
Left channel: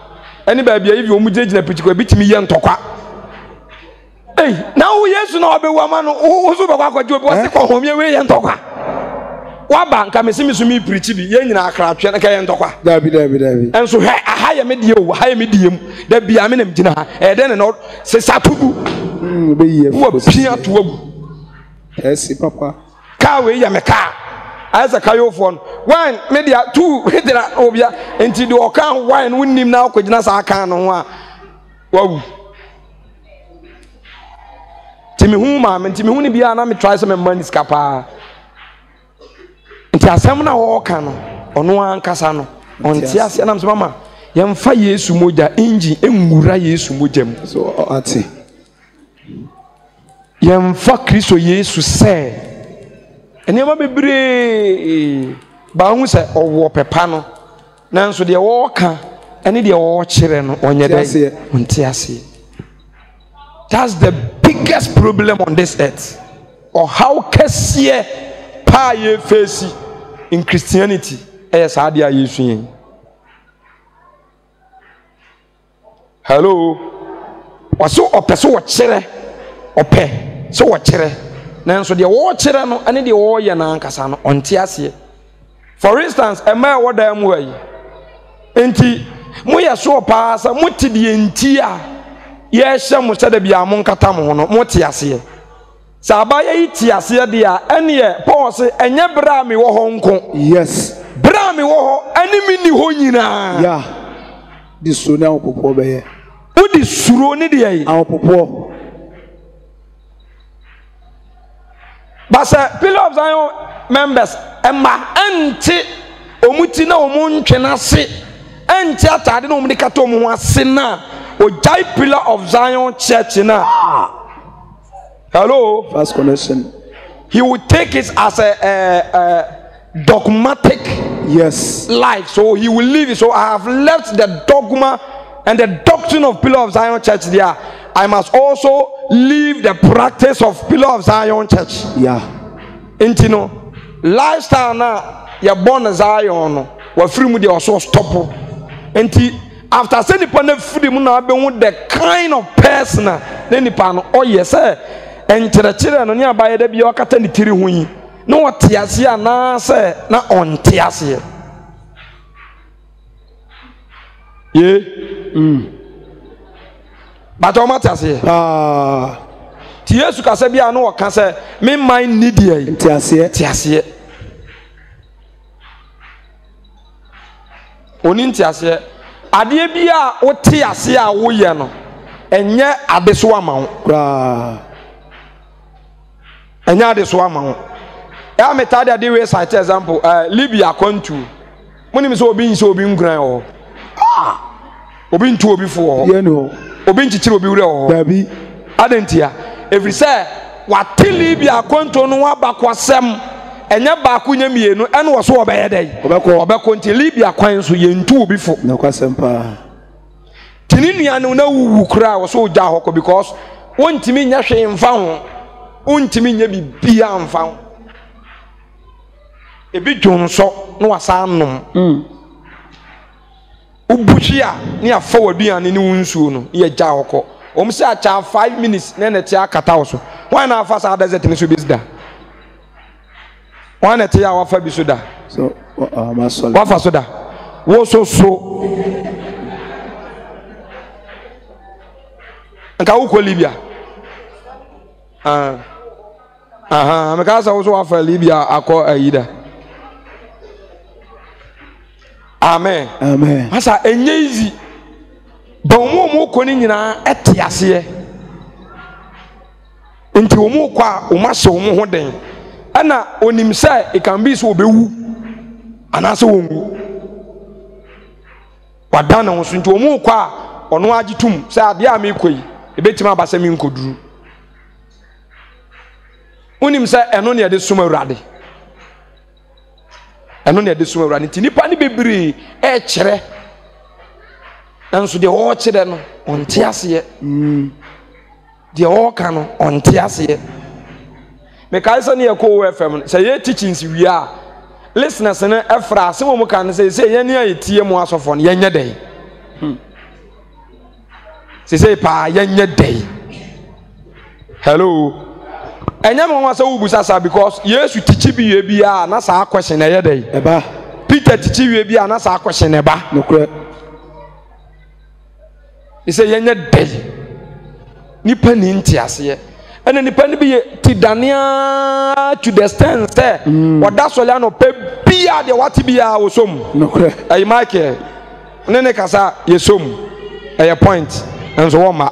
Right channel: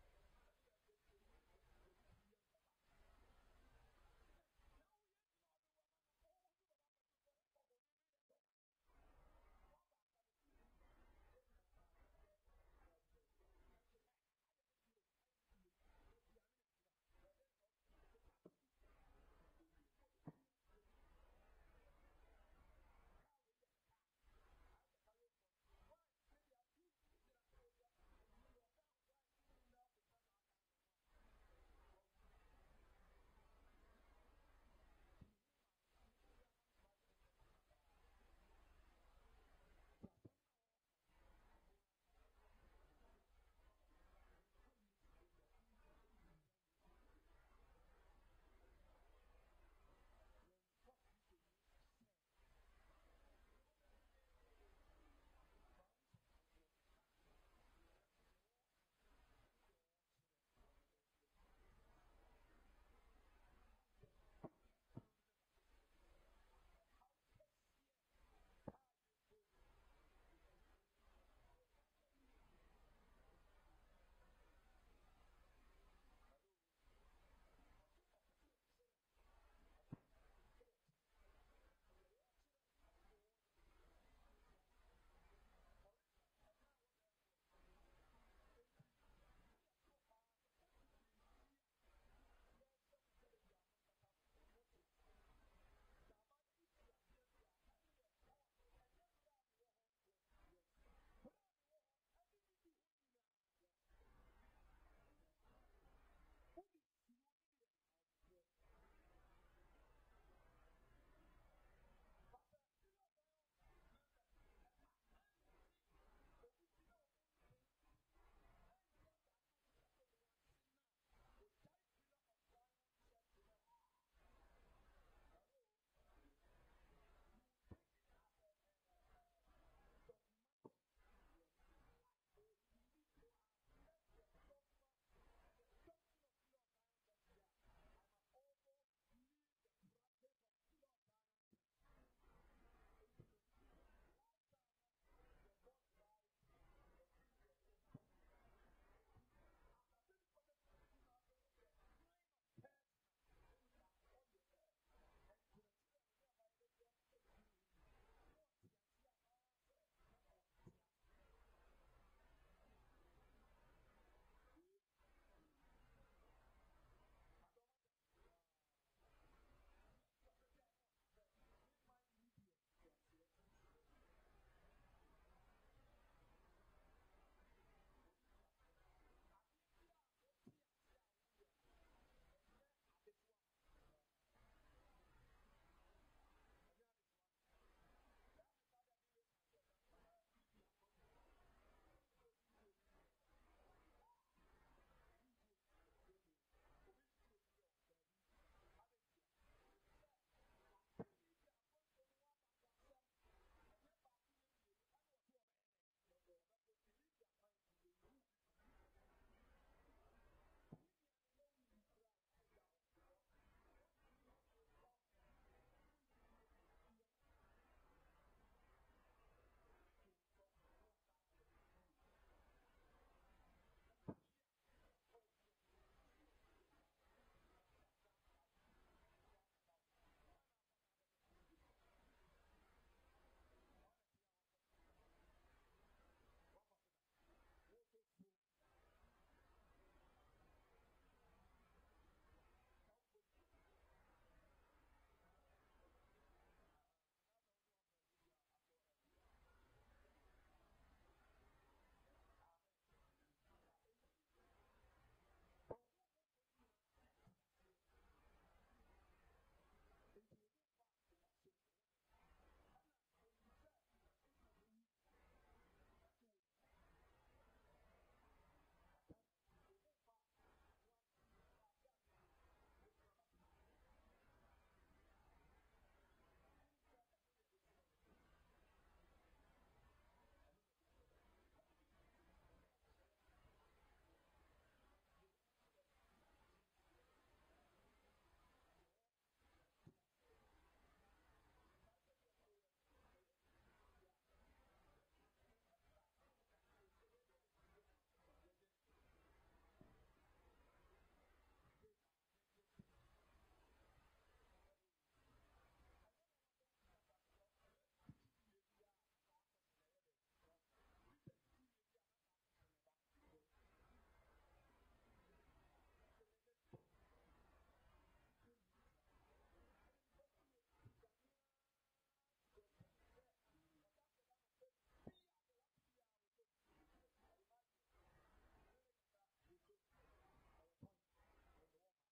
eni ba bia yi omo gina pitiko bitimi ye ntokwa na wo Yesu na obewu ama no wo so be kwa kwaje obi wo se ko homie we ye ntokwa waba nka mesimi so mi preach bi ye nyina akra atwe na ka ye ntokwa dabi enso he aha ye medie o aha ye medie mu da bia me nam gina ha e de ne no se satugu be ye wo pia to agu esi papa ka we ya me ka asa ka yo fon one media two hitira obia enti de o kan one wonnim na akogina sa aka no ho a wawu timi hu ma me timi hu ni bia na me try some money skapa nti asem na wo ka no ono ankasa no onti ase na mama yemfa Yesu moja inji enwura Yesu moja mu so ati yɛmfa Kristo Yesu sɛ nneɛma bebree ba hu sɛ ɔwɔ pepa no nanso deɛ wɔɔka ɛne deɛ wɔɔkyerɛ no ɔnyɛ dɛ ɔnte aseɛ. That's the biggest problem on this earth. Or how kɛseɛ paa yɛ face in Christianity ɛyɛ saa deɛ a Yesu yɛn. Hello, wɔso ɔpɛ so wɔkyerɛ ɔpɛ so wɔkyerɛ nanso deɛ wɔɔkyerɛ no ɛne deɛ wɔɔyɛ n'ankasa no ɔnte aseɛ. For instance, ɛmɛ ɛwɔ dan mu ha yi nti moyɛ so paa sɛ mote deɛ nti a yɛhyɛ mo sɛ da bia mo nkata mo ho no mote aseɛ. Sɛ abaya yi te aseɛ deɛ a ɛneɛ Paul sɛ ɛnyɛ berɛ a mewɔ hɔ nko. Yes. Berɛ a mewɔ hɔ ɛne me ni hɔ nyinaa. Yeah. Di suro ne ahopopoɔ bɛyɛ. Wodi suro ne deɛ yi. Ahopopoɔ. But sɛ Pillar of Zion members ɛma ɛnte ɔmu ti na ɔmu ntwe n'ase ɛnte atade na ɔmu de kata ɔmu ho ase na ɔgyae Pillar of Zion church na. Hello. First connection. He would take it as a dogmatic life. So he will leave it. So I have left the dogma and the doctrine of Pillar of Zion Church there. I must also leave the practice of Pillar of Zion Church. Yeah. Intino lifestyle na ya born Zion no. Wa free mu de also stop. Enti after say nipa na free mu na be the kind of person na nipa no oh yes enkyerɛkyerɛ no ne abayɛ da bia wakata ne tiri ho yi na wɔte ase anaasɛ na ɔnte aseɛ ye bata ɔmate aseɛ nti Yesu kasa bia na wɔka sɛ me man ni deɛ yi te aseɛ oni nte aseɛ adeɛ bi a wote aseɛ a woyɛ no ɛnyɛ ade so ama wo ɛnyɛ ade so ama wo ɛa metade ade we cite example Libya kwantu monim sɛ obi nhyɛ obi nguran wɔ obi ntu obi fo wɔ obi nkyikyiri obi wura wɔ dabi adentia every say wate Libya kwantu no waba kwasɛm ɛnyɛ baako nya mienu ɛne wɔ so wɔbɛyɛ dɛ ɔbɛkɔ nti Libya kwan so yɛntu obi fo na kwasɛm paa tini nua no na wuwu kura wɔ so gya hɔ because wontimi nya hwe mfa ho wontimi nya bibia mfa ho ebi dwonso na wasa anom ubuhwi a ne afa waduane ne wonsuo no ye gya hɔ se acha 5 minutes na na tia akata wo so wan na afa sa desert ne so bisda wan na tia wafa bi so da so masol wafa so da wo so nka wo ko Libya me ka sa wo so wafa Libya akọ ayida amen asa enye easy don mo ko ni nyina ete ase nti wo mo kwa o ma hye wo mo ho den ana onim say e can be so obewu anase wongu wadana wo so nti wo mo kwa ono agitum say ade a me koyi ebetima abasa mi nkoduru onim say eno ne de suma urade eno ne de suma urade nti nipa ne bebre e kyere nanso de wo kyere no onte ase de wo ka no onte ase me kai so ne ko FM say ye teachings wi a listeners ne efra se mo kan say ye ne ayetie mu asofo ne ye nye den say pa ye nye den hello enya mo wa say ubusa sa because Yesu teach bi ye bia na sa question ye den eba Peter teach we bia na sa question eba nokre say ye nye den nipa ni ntiase ene nipa ni bi ti dania to the extent say oda solia no pe bia de wati bia osom nokre ay Michael ne kasa yesom ay point enso wo ma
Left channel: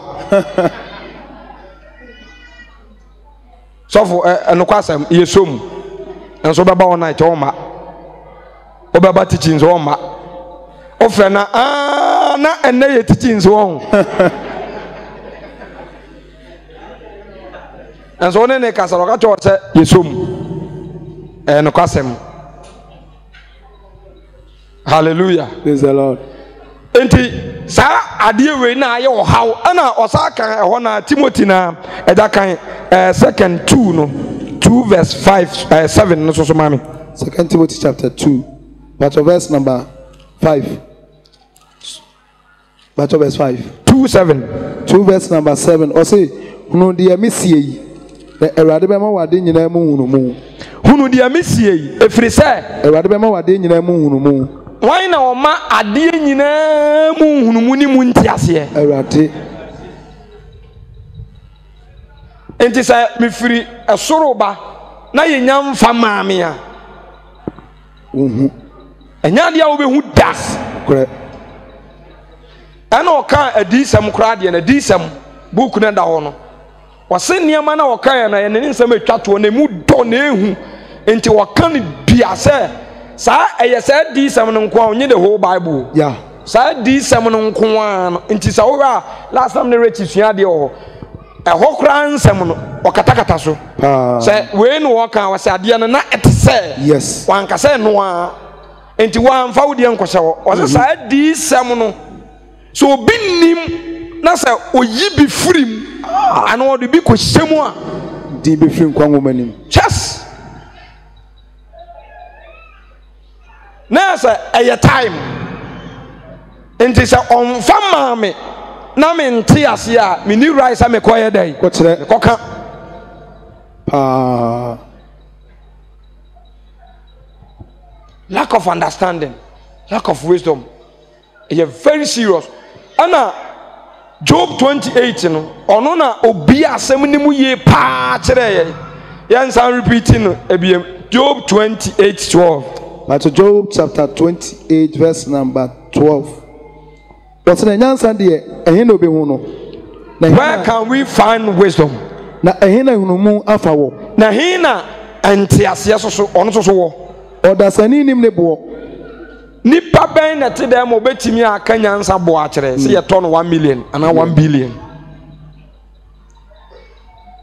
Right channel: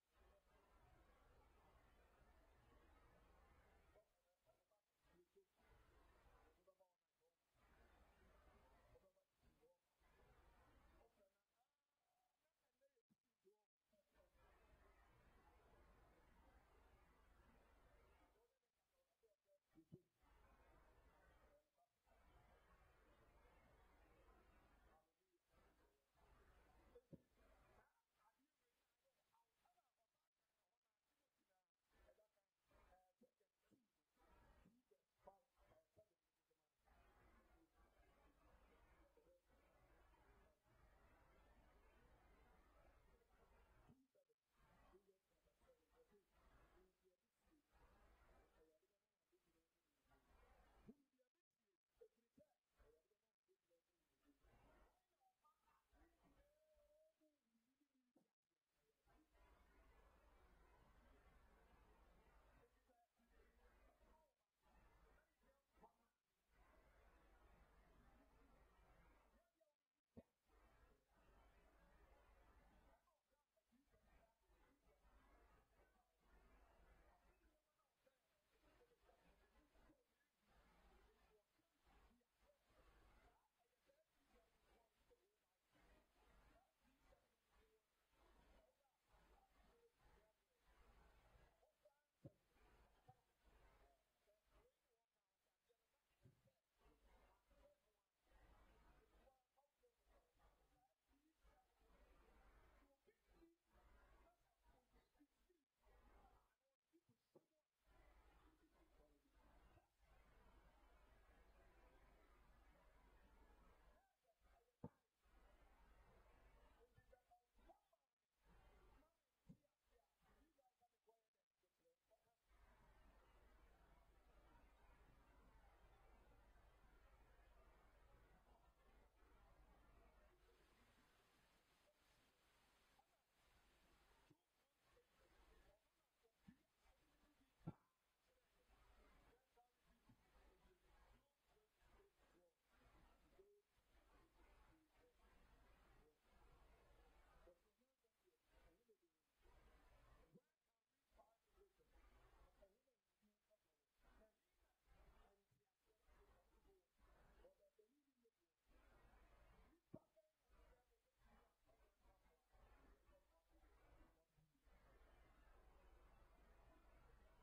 so for enokwasem yesom enso baba won night wo ma obaba teachings wo ma ofre na na enne ye teachings wo and so ne kasa ro ka cho se yesom no kwasem. Hallelujah. Praise the Lord. Enti sa ade we na aye o haw ana osaka ho na Timothy na eda kan 2 2 no 2 verse 5 7 no so mami. 2 Timothy chapter 2 but verse number 5. But verse 5. 2:7. 2 verse number 7. Or say hunu dia misie the erade be ma wade nyina mu hunu mu. Hunu dia misie efiri se erade be ma wade nyina mu hunu mu. Why na oma ade nyina mu hunu mu ni mu ntiase erade. Enti se me firi esoro ba na ye nyam fa maame a. Enya dia wo be hu das. Correct. Ana oka adisam kra de na adisam book na da ho no. Wase niema na oka ya na ye ne nsam atwa to na mu do na ehu. Enti woka ne bia se sa eye sa adisam no nko onye the whole Bible. Yeah. Sa adisam no nko an enti sa wo last time ne rechi sua de ho. Eho kra nsam no okatakata so. Se we no woka wase ade no na etese. Yes. Wanka se no a enti wan fa wodi enkohye wo. Wase sa adisam no so binim na say oyi bi firim ana wodi bi kohyemu a di bi firim kwa ngomanim. Yes. Na say a time enti say on fa maame na me nte ase a me ni rice a me koye dai ko kire ko ka lack of understanding, lack of wisdom. It's very serious. Ana Job 28 no ono na obi asem ni mu ye pa kire ye yan san repeating no ebiem Job 28:12. But Job chapter 28 verse number 12. What's the nyansa de ehin no be hu no. Where can we find wisdom? Na ehin na hunu mu afa wo. Na hin na antiase so ono so wo. Odasani nim ne bo. Nipa ben na te dem obetimi aka nyansa bo a kire se ye to no 1 million ana 1 billion.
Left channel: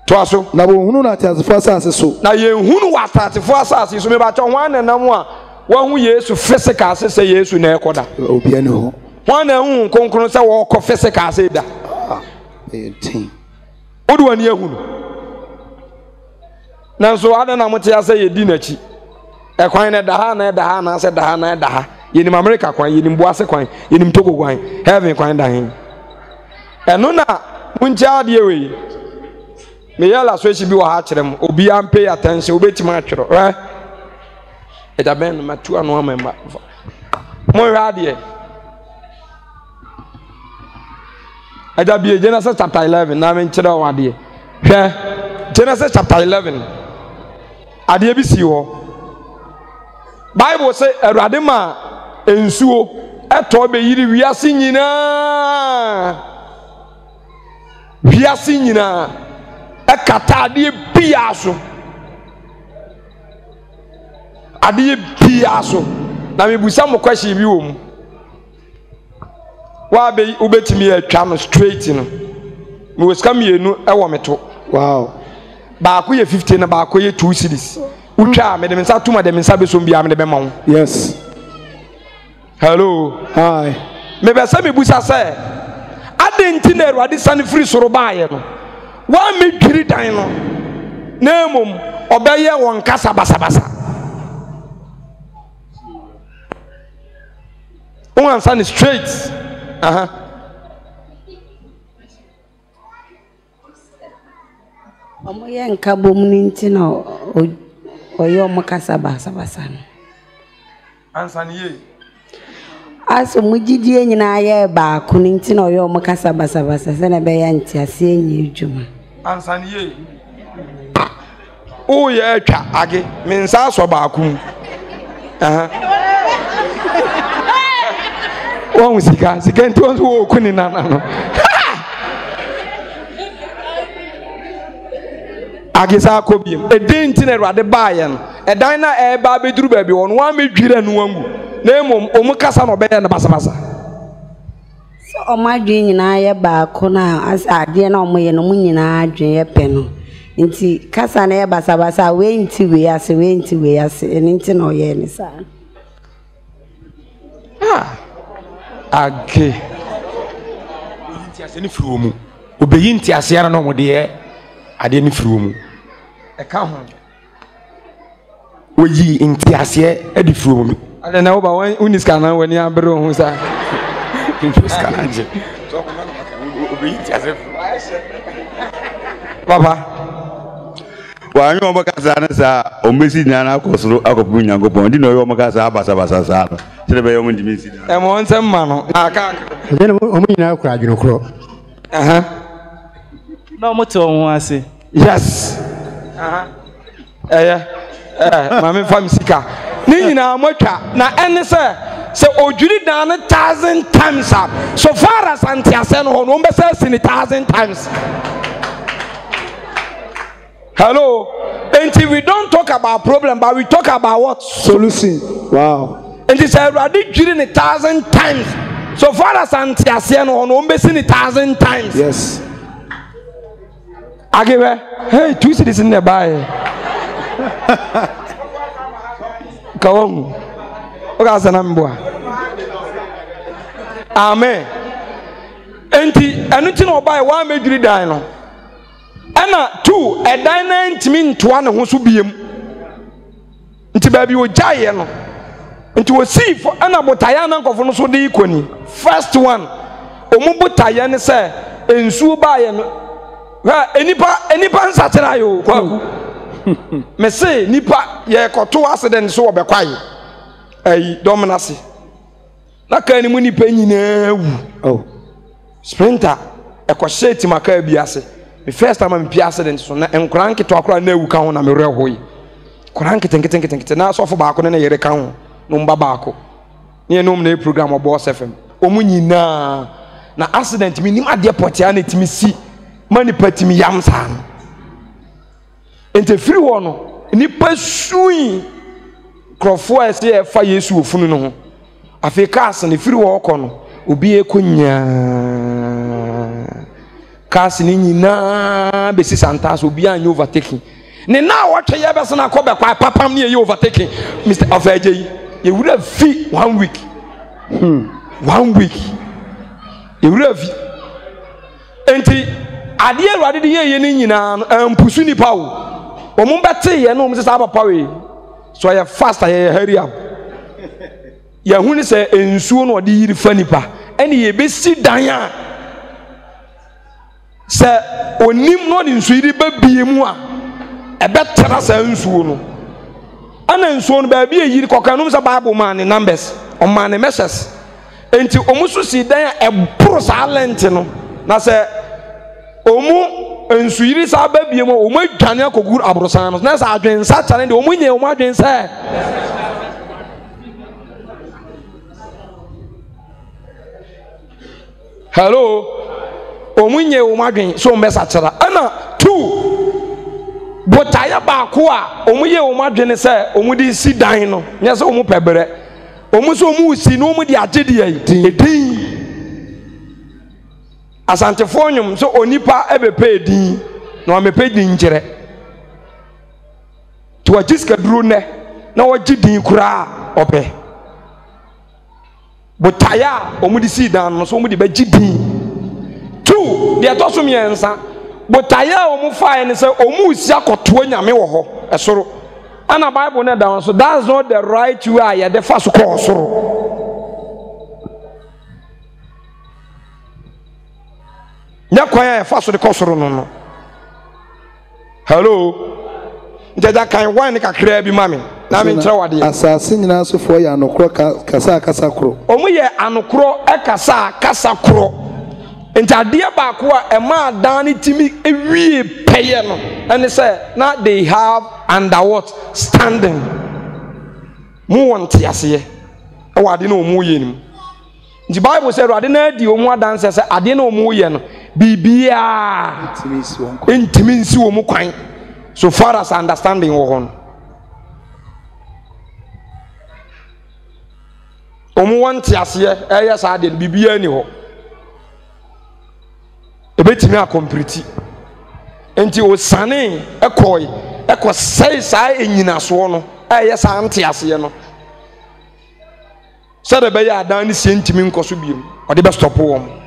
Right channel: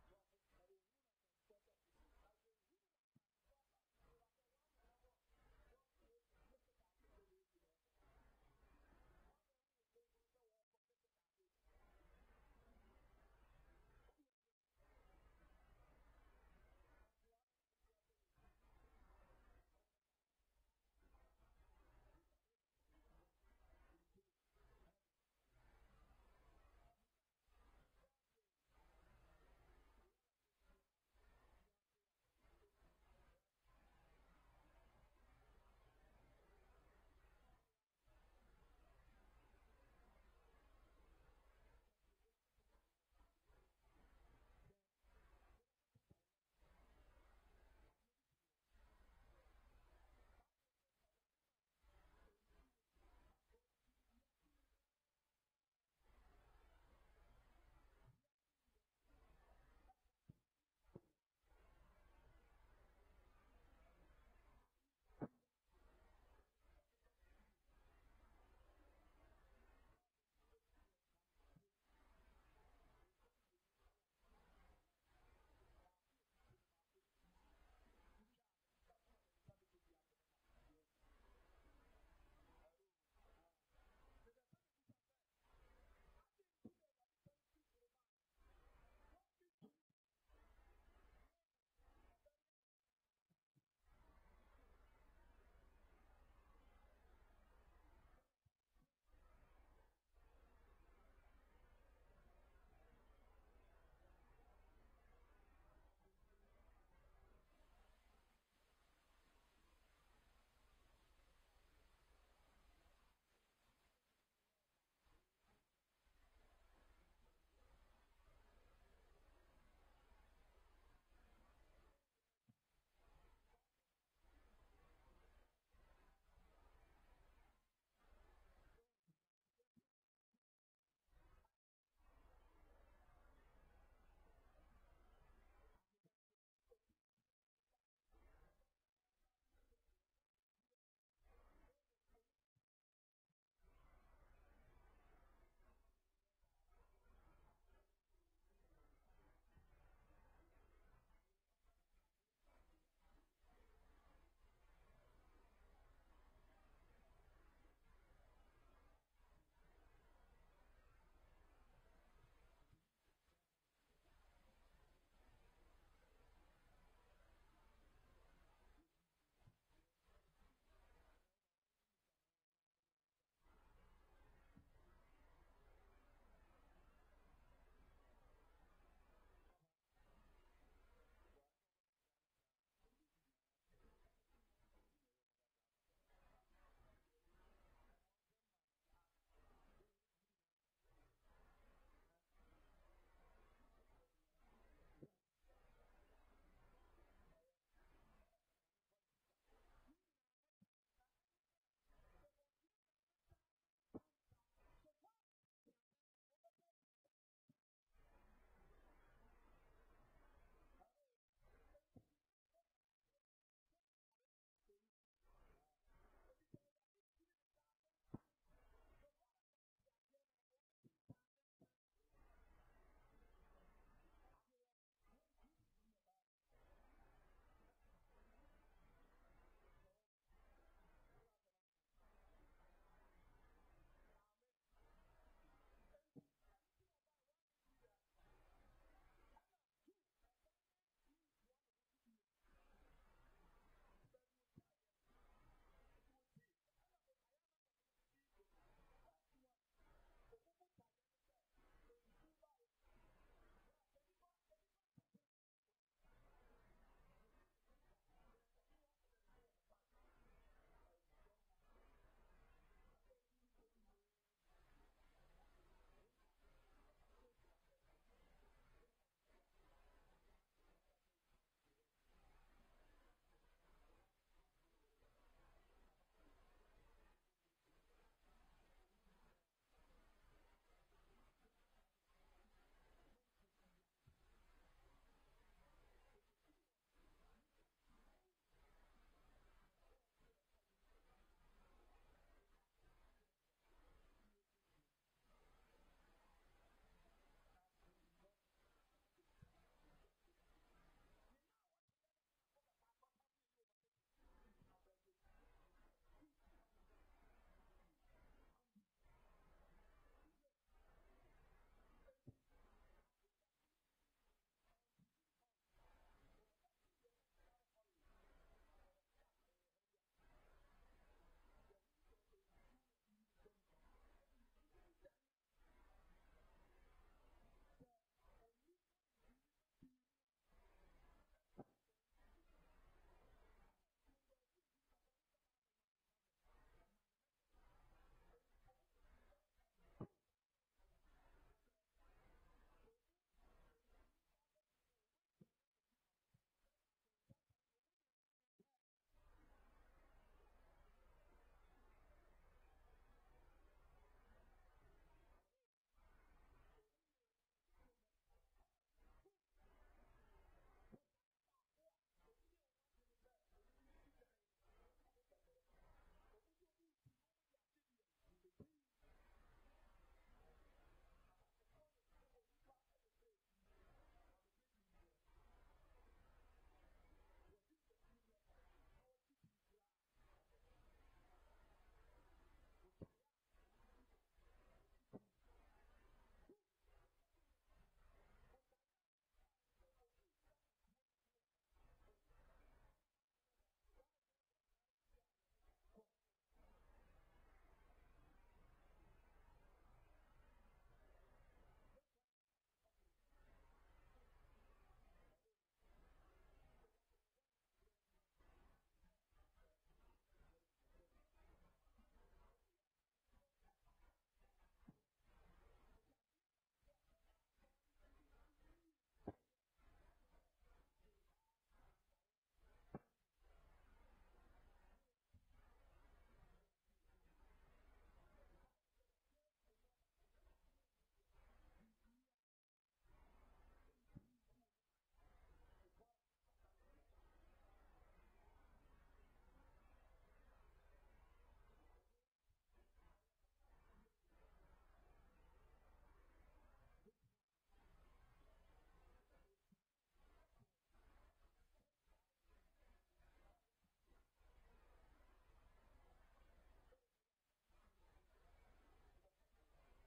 To aso na bo hunu na tiasefo asase so. Na ye hunu wa tiasefo asase so me ba cho hwan na nam a wa hu Yesu physical se Yesu na ekoda. Obi ani ho. Hwan na hu konkron se wo ko physical se da. Tin. Odu ani ehunu. Na so ada na motia se ye di na chi. Ekwan na da ha na se da ha na da ha. Yenim America kwan, yenim Boase kwan, yenim Togo kwan, heaven kwan da hin. Eno na muncha de we. Me yala so echi bi wa ha kirem, obi am pay attention, obeti ma twero, right? E da ben ma tu anu amemba. Mo hwa de. E da bi Genesis chapter 11 na men kire wa de. Hwe Genesis chapter 11. Ade bi si ho. Bible say Awurade ma ensuo eto be yiri wiase nyina ekata ade biaso na mebusa mo question bi wo mu wa be ubetimi atwa no straight no me weska mienu ewo meto wow ba ko ye 15 na ba ko ye 2 cedis utwa me de mensa tuma de mensa be so bia me de be ma wo. Yes. Hello. Hi. Me be say me busa say adenti na Awurade sane free soro baaye no wa me dwiri dan no na mom obeye won kasa basabasa one sane straight omo ye nka bom ni nti na oyo omo kasa basabasa no answer ni ye aso mujidie nyina ye ba ko ni nti na oyo omo kasa basabasa se na be ya nti ase enyi adwuma answer ni ye o ye atwa age me nsa so ba ko wọ́n sika nti wọ́n so wọ́n kuni nana no agisa akobiem edin nti na Awurade baaye no edan na eba beduru ba bi won wan medwira no wangu na emom omu kasa no beye na basabasa so omo adwen nyina ye ba ko na ade na omo ye no mu nyina adwen ye pe no nti kasa na basa basa we nti we ase nti no ye ni sa age nti ase ni firi mu obeyi nti ase ara no mo de ade ni firi mu e ka ho oyi nti ase e di firi mu ade na wo ba uniska na wani abere ho sa uniska na je so ko na obeyi nti ase Papa wa nyo mo kasa na sa o mesi na na akosoro akopu nyankopon di no yo mo kasa basa sa no tire be yo mo ndi mesi e mo nsem ma no aka de no mo nyina akura adweno kro na mo te o ase yes mama fam sika ni nyina mo twa na ene se odwiri dan 1,000 times up so far as antiase no no be say 1,000 times. Hello. Until we don't talk about problem, but we talk about what? Solution. Wow. And he said, I did during 1,000 times. So far as Antiasiano on Umbesi 1,000 times. Yes. I give her, hey, 2 cities in the bay. Come on. Amen. And anything about 1 major dino. Ana 2 a dine ntimi ntoa ne ho so biem nti ba bi o jaye no nti o see for ana botaya na nkofo no so de ikoni first one omu botaya ne se ensuo ba ye no ha enipa nsatena yo kwaku me say nipa ye koto accident so obekwaye ai dominasi na ka ni mu nipa nyina wu sprinter e ko sheti maka biase. The first time I'm accident so na enkranke to akora na ewu ka ho na me rehoyi kranke tenkete na so fo ba ko na yere ka ho no mba ba ko ne enum na program Boss FM omunyina na accident mi nim ade potia na timi si mani patimi yam sa no ente free wo no ni pasui krofo ese e fa Yesu ofunu no ho afika as ne free wo ko no obi ekonya kasi ni nyina besi santas obi an overtaking ne na watwe ye be so na ko be kwa papam ne ye overtaking Mr. Afeje ye would have fee 1 week 1 week ye would have enti ade Awurade de ye ni nyina ampusu ni pa wo mo bete ye no mo se sa papa we so ye fast ye hurry up ye hu ni se ensuo no de yiri fa nipa ene ye be si dan a se onim no ni nsuiri babie mu a ebetra sa nsuo no ana nsuo no ba bia yiri kokanum sa Bible man ne numbers o man ne messages enti omuso si dan a ebro sa lent no na se omu nsuiri sa babie mu omu adwane akoguru abrosan no na sa adwen sa chane de omu nye omu adwen sa hello omunye omadwen so mbesa chara ana 2 botaya ba ko a omuye omadwen se omudi si dan no nya se omu pebere omu so omu si no omu di agedi yi edin asante fonyum so onipa ebepe edin na omepe din nkire to ajiska duro ne na wagidin kura ope botaya omudi si dan no so omudi ba gidin 2 de atosum yensa botaya omu fae ne se omu si akoto nyame wo ho esoro ana Bible na down so that's not the right way ya the first call soro nya kwa ya first de kosoro no hello njaja kan wan ka kra bi mami na me ntra wade asase nyina so fo ya anokro kasa kro omu ye anokro kasa kro Intadia bakwa ema dani timi ewie peye no and say now they have under what standing mu wonte ase e wade na omu ye nim the Bible said wade na di omu adanse say ade na omu ye no bibia intimi nsi omu kwan so far as understanding wo hon omu wonte ase e yes ade bibia ni ho ebetimi akompriti enti o sane ekoi ekosai saa enyinaso no eye saa ante ase no said be ya dan ni sentimi nkoso biem o de be stop wom.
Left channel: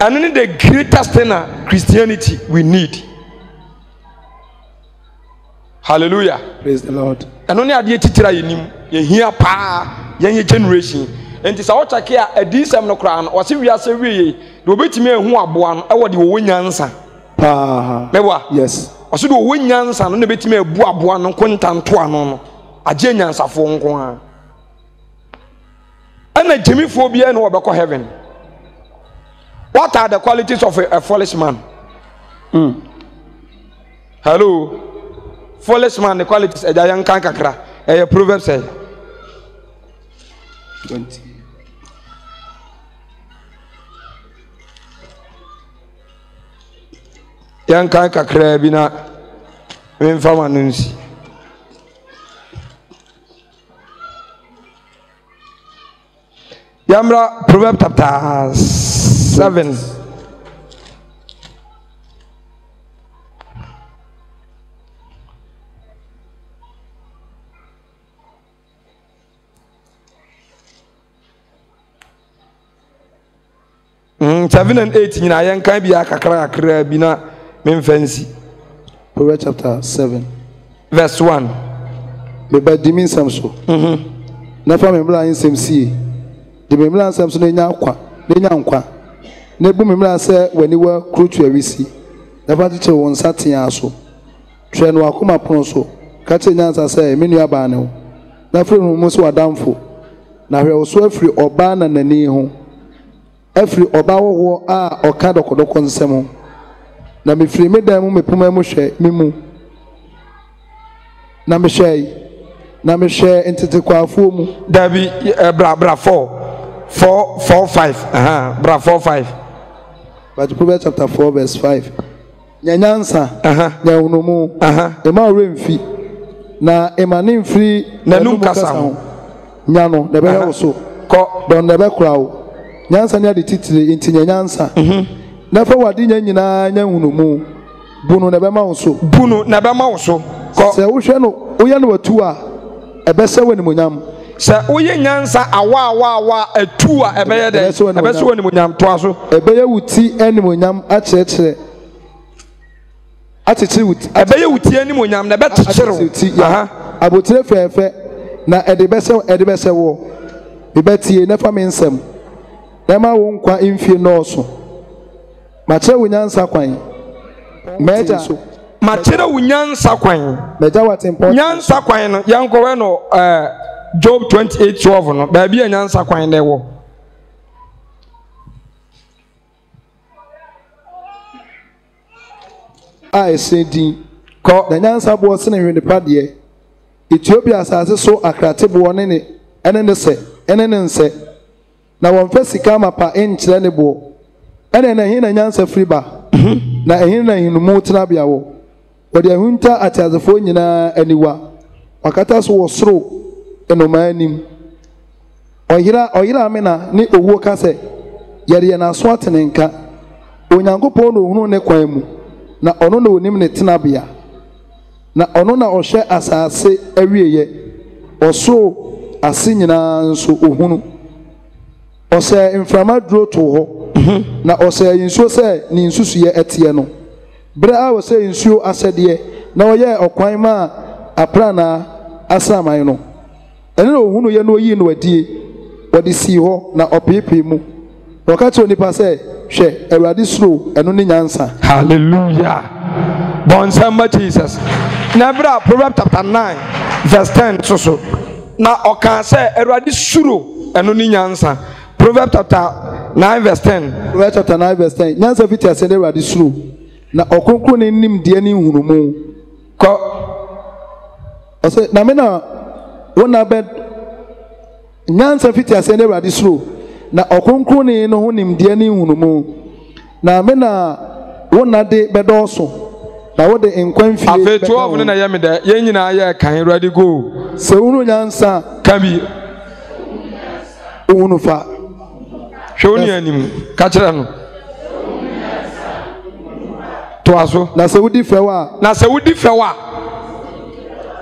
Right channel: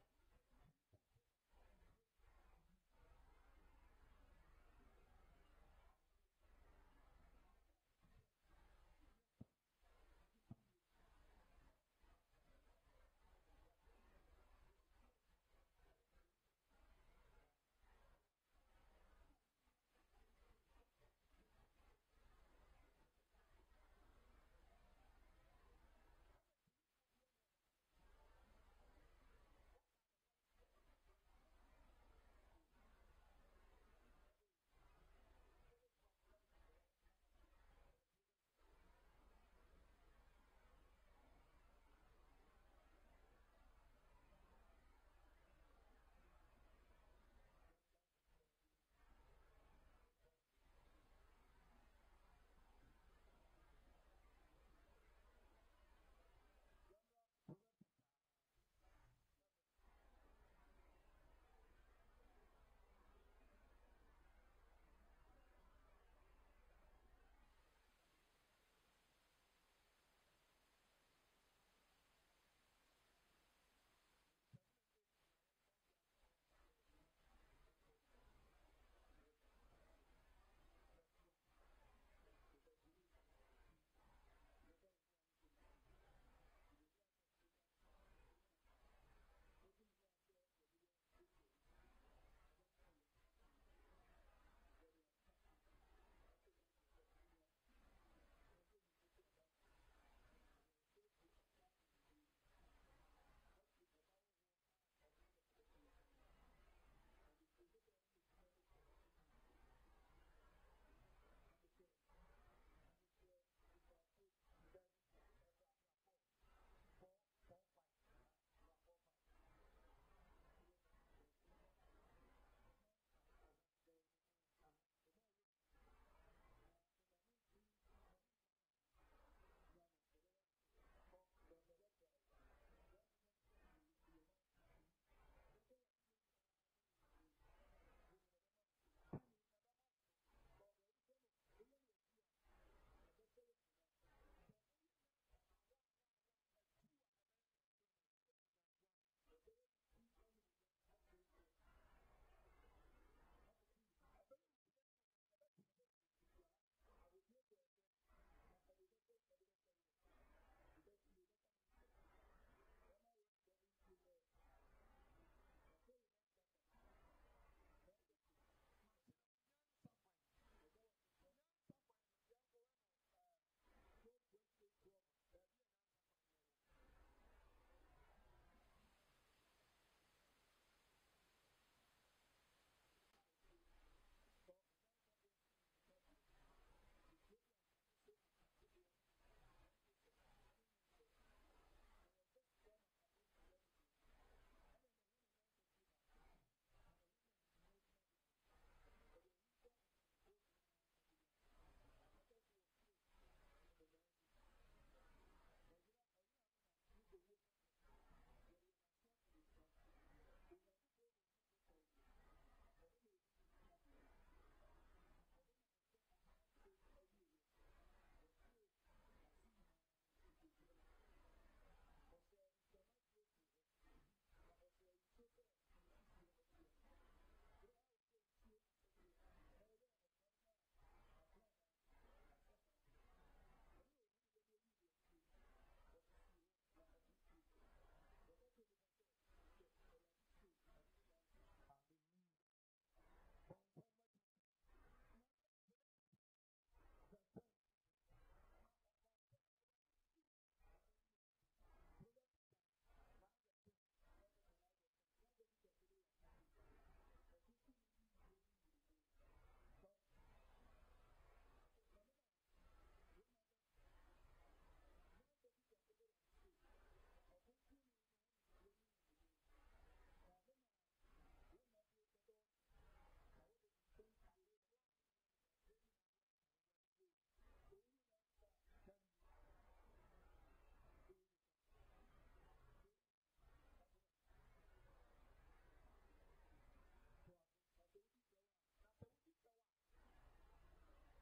And the greatest thing Christianity we need. Hallelujah. Praise the Lord. And only at the teacher you hear pa young generation. And this our check here a decent no crown or see we are say we do bit me who are born I want the win answer. Pa yes. Or so do win answer no bit me a boa no content to no a genius of one. And a Jimmy phobia no about heaven. What are the qualities of a foolish man? Hello. Foolish man, the qualities a young kankakra. A proverb say 20. Young kankakra bina infama nunsi. Yamra proverb chapter 7. Seven and 8 in I can be a kakra bina memfancy. Proverbs chapter 7, verse 1. Me by dimin samso. Nafa me bla in semsi. The me bla samso ne nya nkwa. Na ebu me bla se wani wa krutu awisi. Nafa tiche won saten aso. Twe no akoma pon so. Ka che nyansa se me nua ba ne ho. Na fre no mo so adamfo. Na hwe wo so afri oba na nani ho. Afri oba wo a oka dokodoko nsem. Na me firi me dan mu me poma mu hwe me mu. Na me hwe entete kwafo mu. Dabi bra 4:5. Bra 4:5. But Proverbs chapter 4 verse 5. Nyanyansa. Nyawunomu. Ema remfi. Na emane mfiri na num kasa ho. Nyano na be so. Ko don na be krawo. Nyansa ne ade titire enti nyanyansa. Na fa wade nyanyina nyanwunomu. Bunu na be ma wo so. Ko se wo hwe no wo ye no watu a ebese wani munyam. Se oye nyansa awa atu a ebeye de ebese wani munyam to aso ebeye wuti animunyam akyekere wuti ebeye wuti animunyam na bekyekere abotire fefe na edebese wo bebetie na fa mensem na ma wo nkwa mfie nọọso ma kyere wo nyansa kwan meja ma kyere wo nyansa kwan meja what important nyansa kwan no yankowe no Job 28:12 no ba bia nyansa kwan na ewo esedi ko na nyansa bo se na hwene pade Ethiopia asase so akrate bo ne ene nse na won fa sika mapa enkyere ne bo ene na hin na nyansa friba na hin na hinumu tena bia wo wode ahunta atazefo nyina aniwa wakata so wo soro enomanim oyira amena ni owuo kase yare na so atenenka onyankopon no hunu ne kwan mu na ono na onim ne tenabia na ono na ohwe asase awieye oso ase nyina nso ohunu ose inframa duro to ho na ose yinsuo se ni nsusuye etie no bra a ose yinsuo asede na oye okwan ma aprana asaman no ene no hunu ye no yi no adie wodi si ho na opepe mu wakati onipa se hwe awurade suro eno ne nyansa. Hallelujah. Bon samba Jesus. Na bra Proverbs chapter 9 verse 10 so na oka se awurade suro eno ne nyansa. Proverbs chapter 9 verse 10. Proverbs chapter 9 verse 10. Nyansa fiti ase ne awurade suro na okonkro ne nim de ne hunumu ko ose na me na wona bed nyansa fiti ase ne awurade suro na okonkro ne no honim de ne hunumu na me na wona de bedoso na wode enkwan fie afi 12 ne na ye me da ye nyina ye kan awurade go se wunu nyansa kabi wunu fa hwoni anim ka kire no toaso na sɛ wodi fɛw a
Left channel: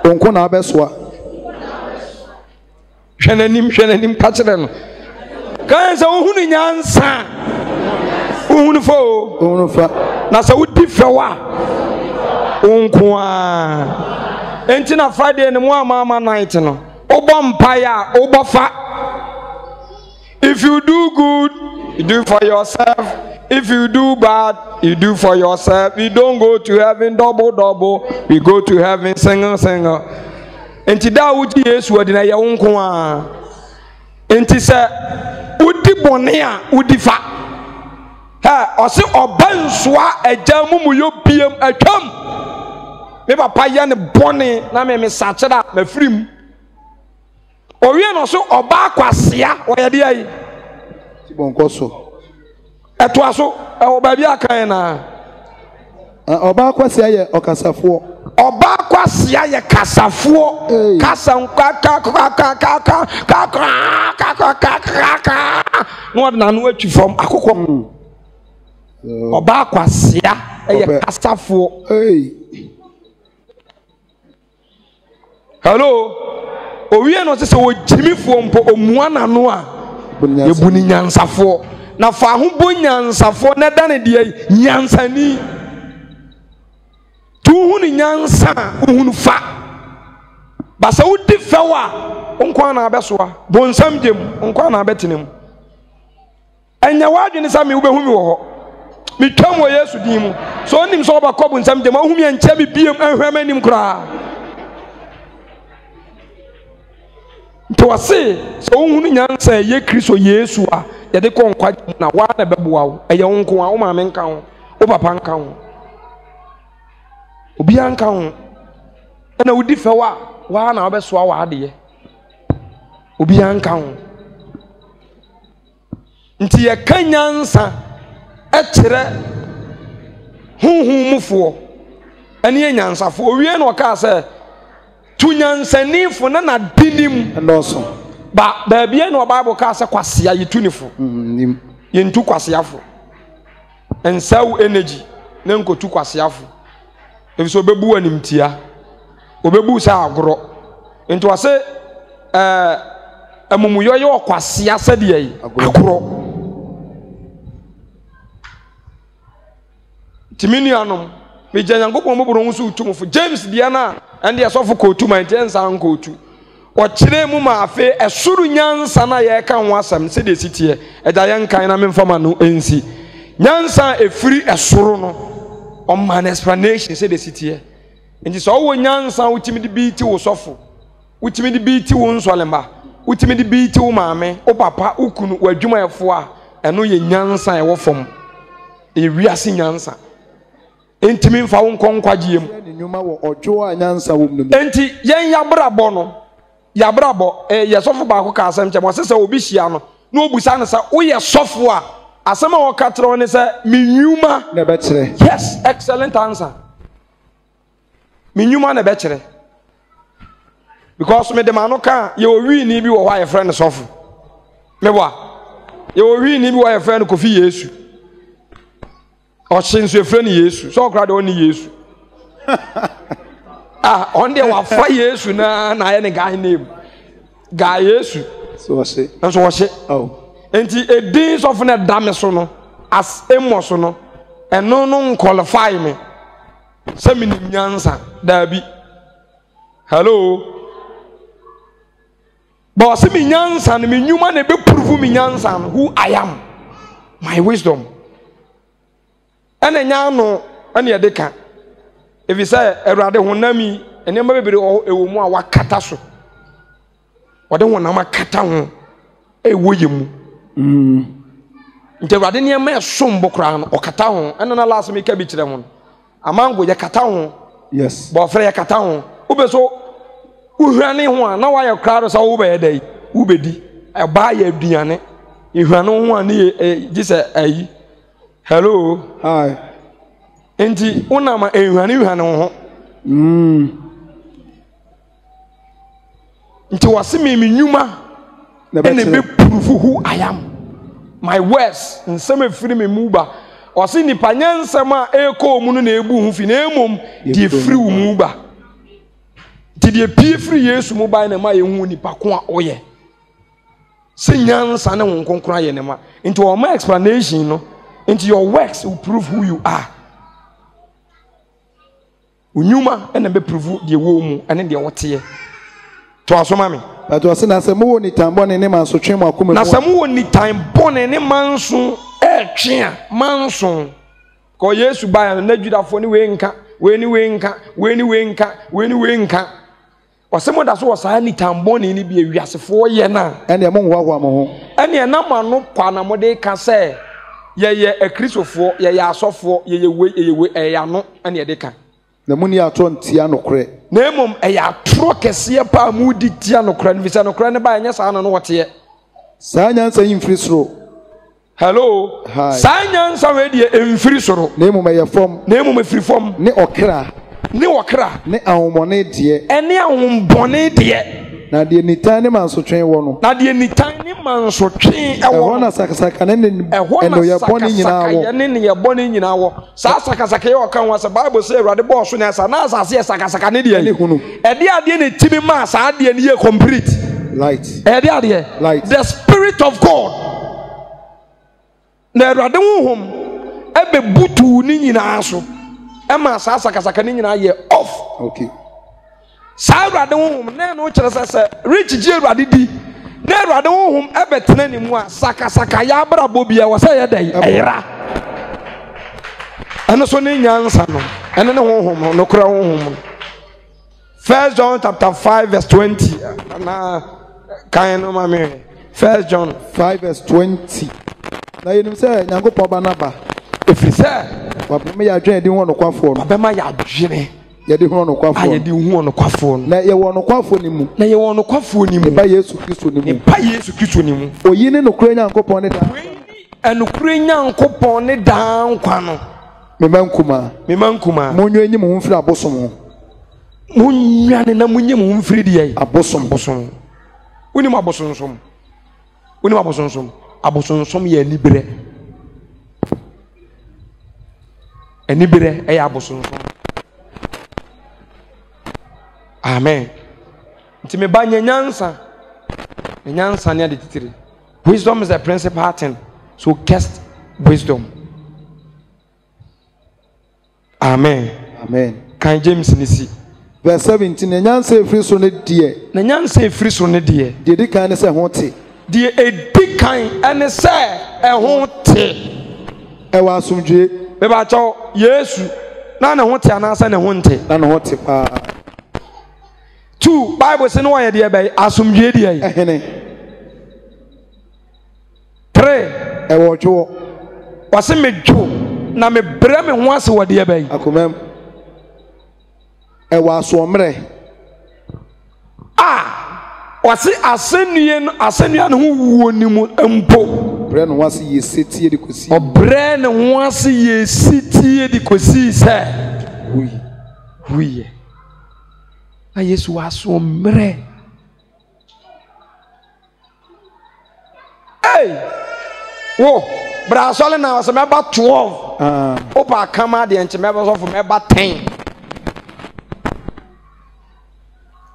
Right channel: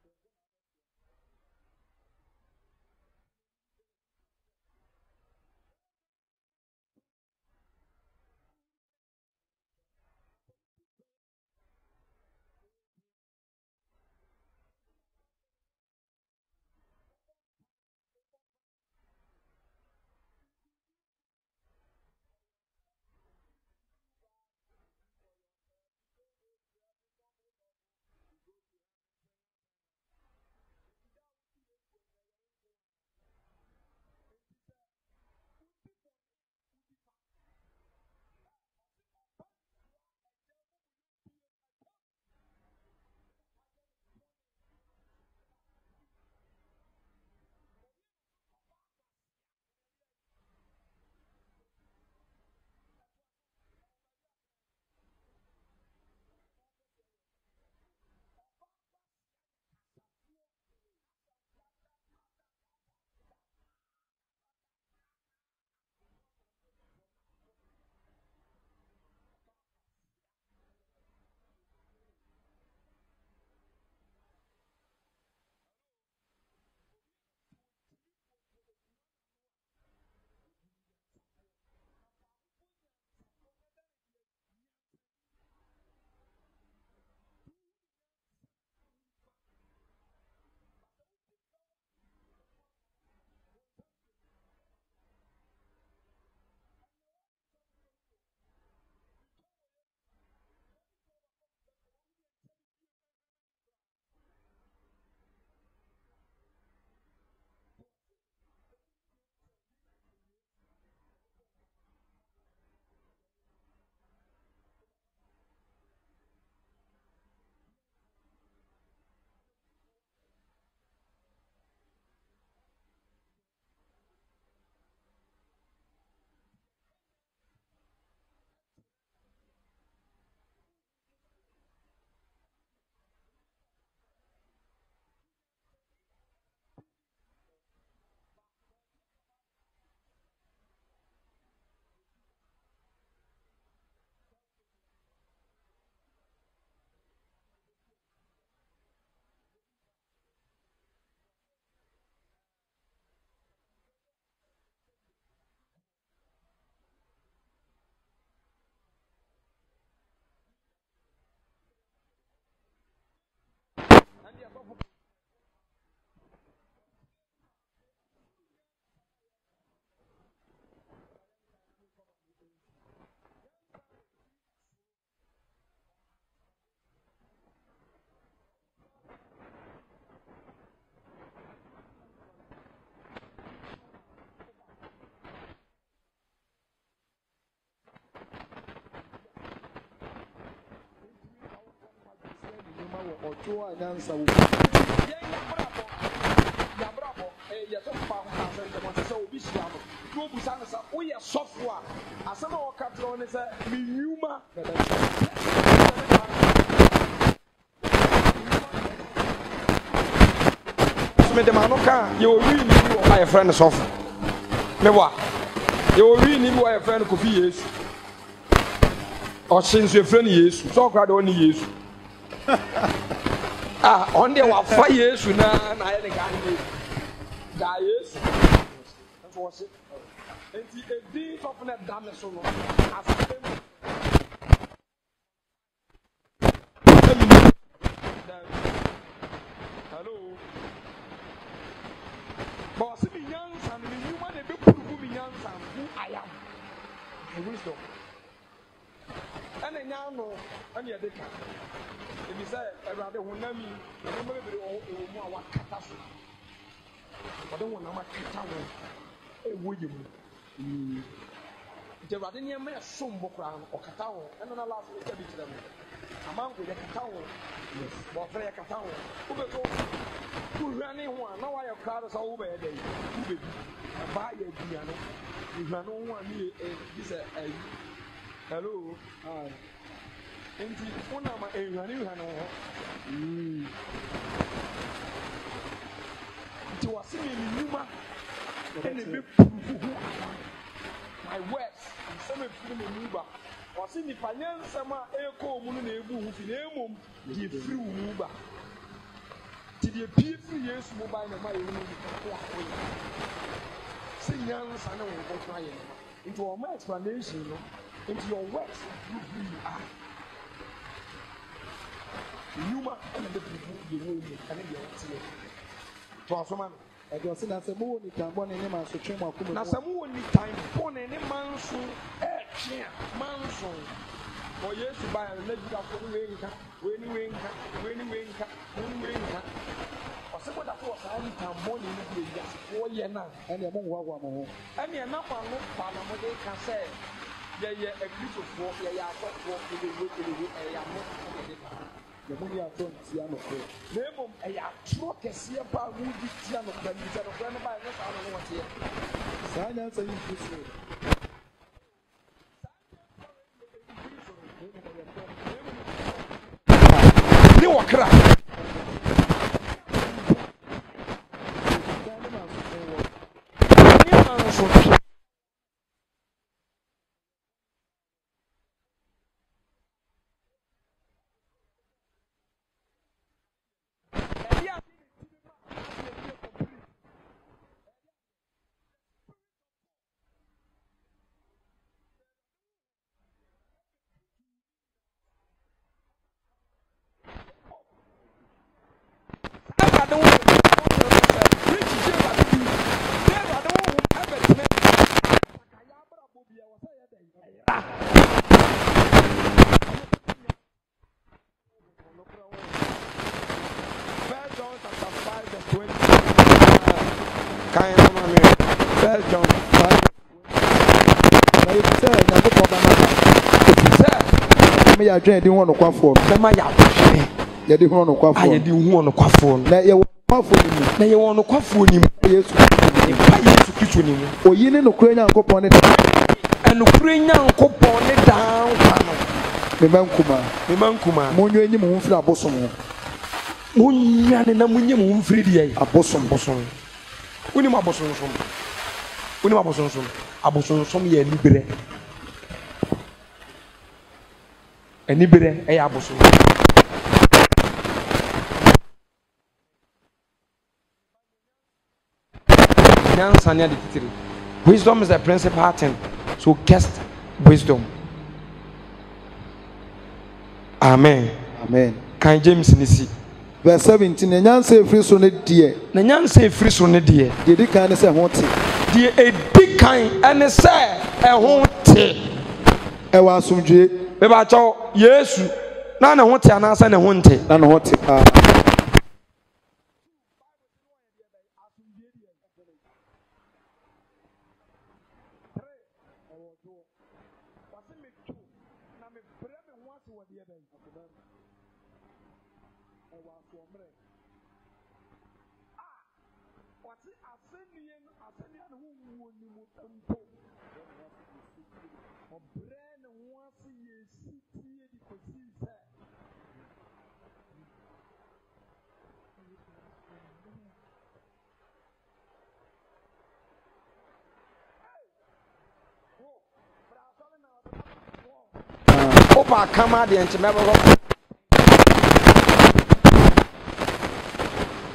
onko na abɛsoa hwɛ n'anim ka kyerɛ no kan sɛ wohunu nyansa wohunu fa na sɛ wodi fɛw a onko a enti na Friday ne mu ama night no obɔ mpae a obɔ fa. If you do good, you do for yourself. If you do bad, you do for yourself. We don't go to heaven double. We go to heaven single. Enti da wuji Yesu odi na ye wonko a. Enti se udi bone a udi fa. Ha, o se obansoa agya mumu yo biem atwam. Me papa ya ne bone na me sache da mafirim. Owie no so oba kwasea oyede ayi bonko so eto aso oba bi akan na oba kwasea ye okasafo kasa no na no atwi from akokɔ oba kwasea ye kasafo hello owie no se wo jimifo mpo omua nano a yebuni nyansafo na fa ho bo nyansafo na da ne de nyansani tu hu ni nyansa hu fa ba se wo di fewa onko na abesoa bonsam dem onko na abetenem enya wadwene sa me wo behu mi wo ho mi twam wo Yesu din mu so onim so ba kɔ bonsam dem ahu mi enche bi biem ahwam anim kra. To wase so ohunu nyansa ye Kristo Yesu a ye de ko nkwa na wa na beboa wo eye wonko a wo ma me nka ho wo papa nka ho obi anka ho na wodi fewa wa na obesoa wa ade ye obi anka ho nti ye ka nyansa e kire huhumufo ene nyansafo owie na o ka se tunyansanifo na dinim ndoso ba bia no Bible ka se kwasea yitunifo nim yentu kwaseafo ensaw energy na nkotu kwaseafo ebiso obebu animtia obebu sa agoro ento wase amumuyo ye okwasea sade yi agoro timinuanom me janyankopon moboro nso utumfo James Diana and the asofo kotu man tensa nkotu o kire mu ma afe esuru nyansa na ye ka ho asam se de sitie eja ye nkan na memfama no ensi nyansa efiri esuru no o man explanation se de sitie nti so wo nyansa utimi de biti wo sofo utimi de biti wo nsolemba utimi de biti wo maame o papa ukunu wadwuma efo a eno ye nyansa e wo fom e wiase nyansa entimi mfa wo nkonkwagie mu nyuma wo odwo a nyansa wo mu enti yen yabrabo no yabrabo yesofo ba ko ka asem che mo sese obi hia no na obusa no sa wo ye sofo a asem a wo ka tro ne se minyuma na be kire yes excellent answer minyuma na be kire because me de ma no ka ye owi ni bi wo wa ye friend sofo me wa ye owi ni bi wo ye friend Kofi Yesu o chinso e friend Yesu so kra de oni Yesu on the wafa Yesu na ye ne guy name guy Yesu so wase so wase oh enti edin of na dame so no as emoso no eno no qualify me se mi nyansa da bi hello but se mi nyansa no mi nyuma na be prove mi nyansa no who I am my wisdom ene nya no ene ye de ka if you say erade honami ene ma bebere ewo mu a wakata so wode honama kata ho ewo yemu nte erade ne ma esom bokra no okata ho ene na last me ka bi kire ho amango ye kata ho yes bo frɛ ye kata ho ubeso uhwane ho a na wa ye kra so wo be ye dai ubedi e ba ye aduane ihwane ho a ne gise ayi hello hi enti unama ehwane ho nti wase me nyuma ene be prove who I am my words nsem efiri me muba ɔse nipa nyansɛm a ɛkɔ mu no na ebu ho fi na emom die firi wo mu ba ti die pie firi Yesu mu ba na ma yehu nipa ko a ɔyɛ se nyansa ne wo nkonkron ayɛ ne ma into all explanation no into your works will prove who you are unyuma ena be prove die wo mu ene de wote to asoma me but wase na se mo ni tambone ne manso twen mu akoma na se mo ni tambone ne manso twen a manso ko Yesu ba na Judafo ni we nka we ni we nka we ni we nka we ni we nka wase mo da so wasa ni tambone ni bi awiasefo ye na ene mo nwa mo ho ene na mano kwa na mo de ka se ye akristofo ye asofo ye we eya no ene ye de ka na muni ato ntia nokre na emom eya tro kese pa mu di tia nokre no bisa nokre ne ba enya sa no wote saa nyansa yimfiri soro hello saa nyansa we die emfiri soro na emom ye fom na emom efiri fom ne okra ne ahomone de ene ahombone de na de nitan ne mansotwen wo no na de nitan ne mansotwen ewo na sakasaka ne eno ye boni nyina wo ne ye boni nyina wo sa sakasaka ye okan wa sa bible say Awurade bo so na sa na asase ye sakasaka ne de ade ade ne timi ma sa ade ne ye complete light ade ade light the spirit of God na Awurade honhom ebe butu ni nyina so e ma sa sakasaka ne nyina ye off okay sa Awurade honhom na no kire se rich ji Awurade di na Awurade honhom ebetena ni mu sakasaka ya brabo bia wo se ye dai era ana so ne nyansa no ene ne honhom no kura honhom 1 John chapter 5 verse 20 kan no ma me 1 John 5 verse 20 na you say nyankopon ba na ba ofi say ba me ya dwen di ho no kwafo no ba ma ya dwen ye di ho no kwafo aye di ho no kwafo na ye wo no kwafo ni mu na ye wo no kwafo ni mu ba Yesu Kristo ni mu ba Yesu Kristo ni mu oyi ne no kura nyankopon ne da enukure nyankopon ne da nkwa no me mankuma monyo enyim ho mfiri abosom munya ne na munyim ho mfiri de abosom unim abosonsom ye enibere e abosom amen ntime ba nyansa ne de titiri wisdom is the principal thing so cast wisdom amen kan James nisi verse 17 na nyansa efiri so ne die de di kan ne se ho te de edi kan ene se e ho te e wa asomdwe be ba cho Yesu na ne ho te anasa ne ho nte na ne ho te pa 2 Bible say no ye de be asomdwe de yi ehene 3 e wo dwo wase medwo na me bre me ho ase wo de be akomam e wa so mre wase asenua no ho wuo ni mu empo bre no wase ye setie de kosi obre ne ho ase ye setie de kosi se hui a Yesu aso mre wo bra sole na wase me ba 12 opa kama de enche me ba so me ba 10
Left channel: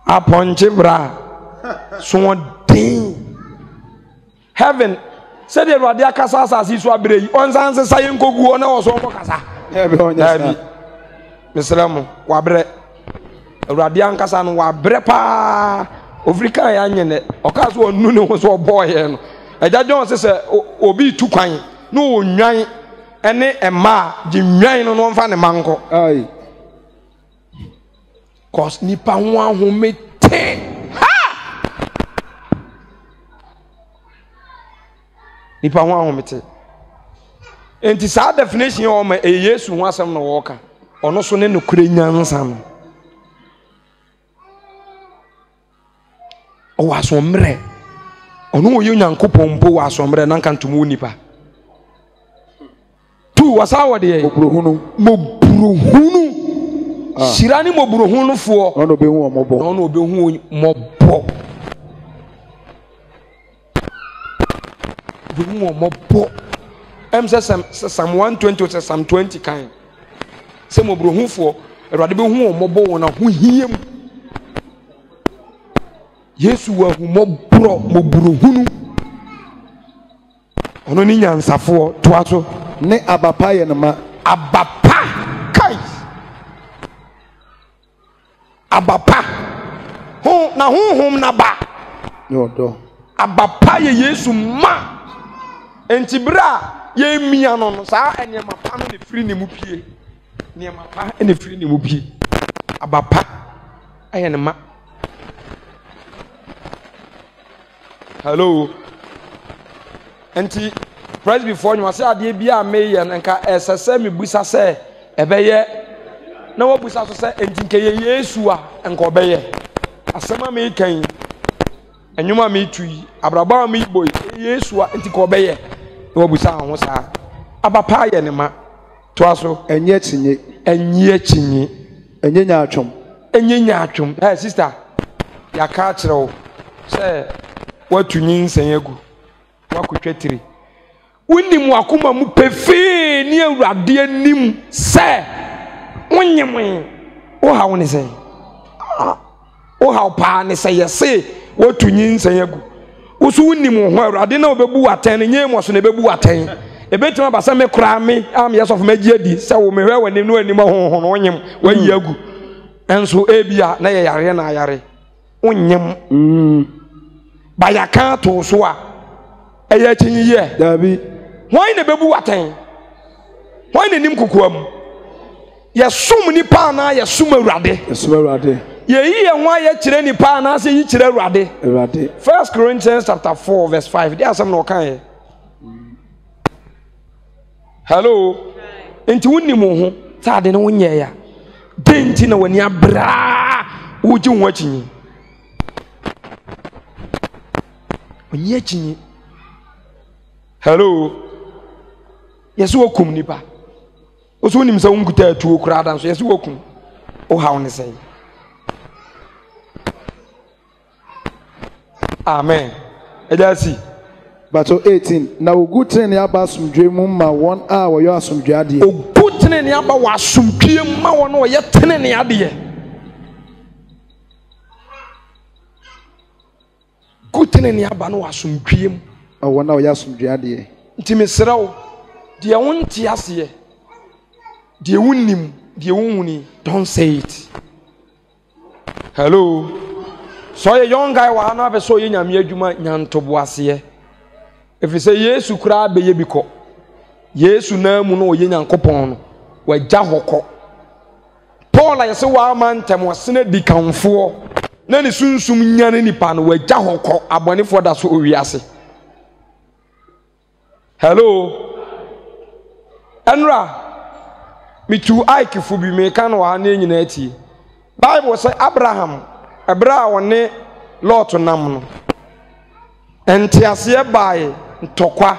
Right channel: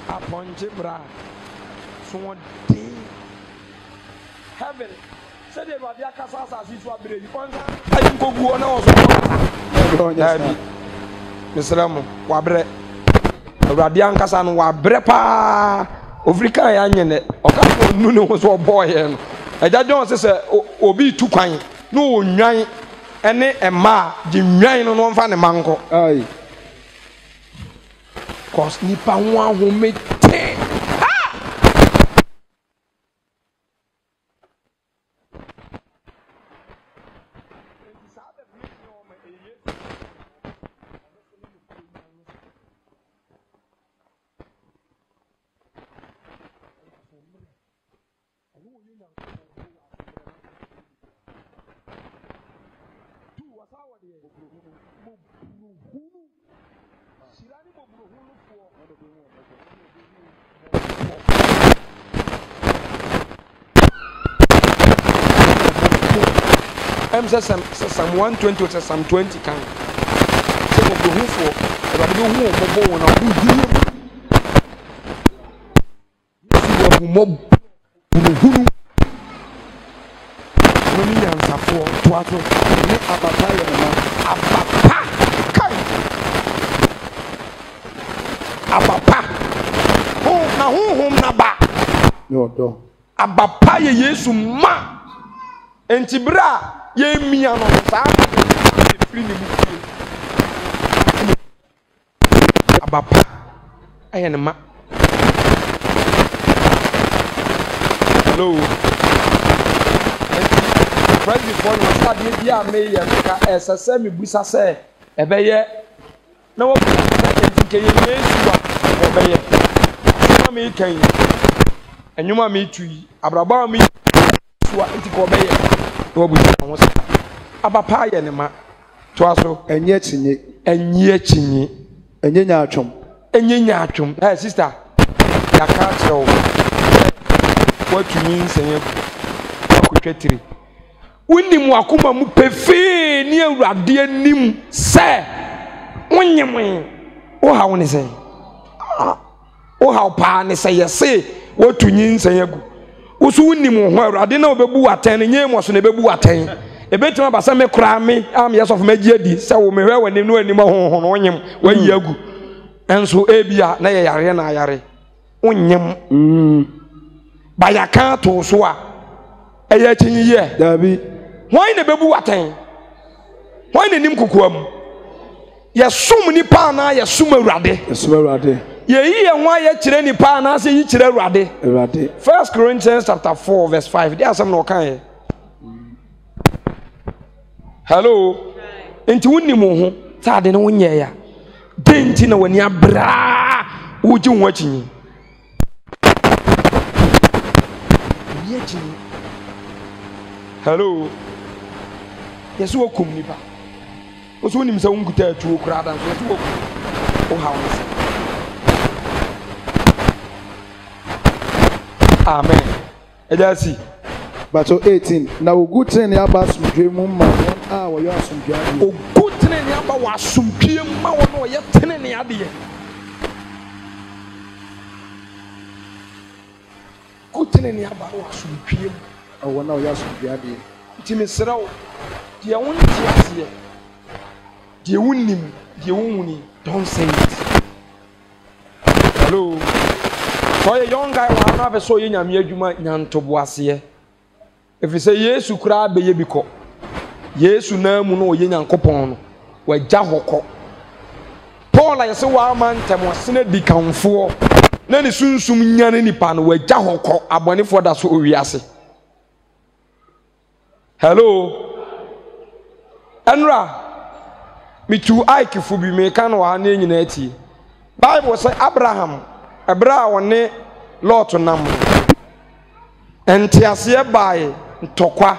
aponche bra so den heaven said the radia kasa asasi so abrei onsan se saye nkogu ona wo so kasa nabi mislamu wa bre radia kasa no wa bre pa ofrika ya nyene okaso onu ne wo so boy no ejajon se obi tu kwan no onwan ene ema ji nwan no mfa ne manko ai cause nipa ho ahomete nipa ho ahomete enti sa definition o ma Yesu ho asem no wo ka ono so ne nokure nyansa no o wasomre ono wo Nyankopon mpo wasomre na nka ntomo nipa tu wasawo de moburuhunu shirani moburuhunu fo ono be hu omobo Psalm 120 or Psalm 20 kind. Some of the who for a radical who mobile and who hear. Yes, you are Moburu. Running answer for Tuato, ne Abapa Yanama. Abapa Kai Abapa. Who na whom naba? No, do. Abapa Yesu ma. Entibra ye miano no sa anya free ni mupie ene free ni mupie abapa aye ne ma. Hello enti press before you say ade bia me ye nka esese me busa se ebeye na wo busa se enti nke ye Yesu a nka obeye asema me kan enwuma me tui abraba me boy Yesu a enti ka obeye obusa ho sa abapa ye ne ma to aso enye chinye enye nyaatwom sister ya ka kire say watu nyinsen agu akotwetiri unim akoma mu pefe ni awurade anim say wonyem o hawo ne say o hawo pa ne say yese watu nyinsen agu usu unim ho awurade na obebu aten nye mo so na bebu aten ebetima basa me kura me am yes of magiadi say wo mehwe wani no anim ho no onyem wayi agu enso ebia na ye yare na yare onyem bayaka to so a eya chinyiye dabi why na bebu aten why na nim kokoam yesum ni pa na yesum awurade ye yi enwa ye kire ni pa na se yi kire awurade 1 Corinthians chapter 4 verse 5 there some no kan. Hello enti wonnim ho saade ne wonye ya denti na wani abra wuji ho achinyi ni achinyi. Hello yesu okum nipa oso nim sa wonkuta atuo kura dan so yesu okum o hawo ne se. Amen. Ejasi Bato 18 na ogutene ne aba asomdwe mu ma won a wo yo asomdwe ade ogutene ne aba wa asomdwe ma won o ye tene ne ade gutene ne aba no asomdwe mu awo na wo ya asomdwe ade ntimesrawo de wonti ase de wonnim de wonhuni don't say it. Hello so a young guy wa na be so ye nyame adwuma nyantobo ase if you say Yesu kura be ye biko Yesu na mu no ye nyankopon no wagya hokɔ Paul ayese wa amantem wasene dikanfo na ne sunsum nyane nipa no wagya hokɔ abonefo da so owiase. Hello Enra mitu aikifu bi me kan wa na nyina ati Bible say Abraham ebra woni Lot nam no entiase bae ntokwa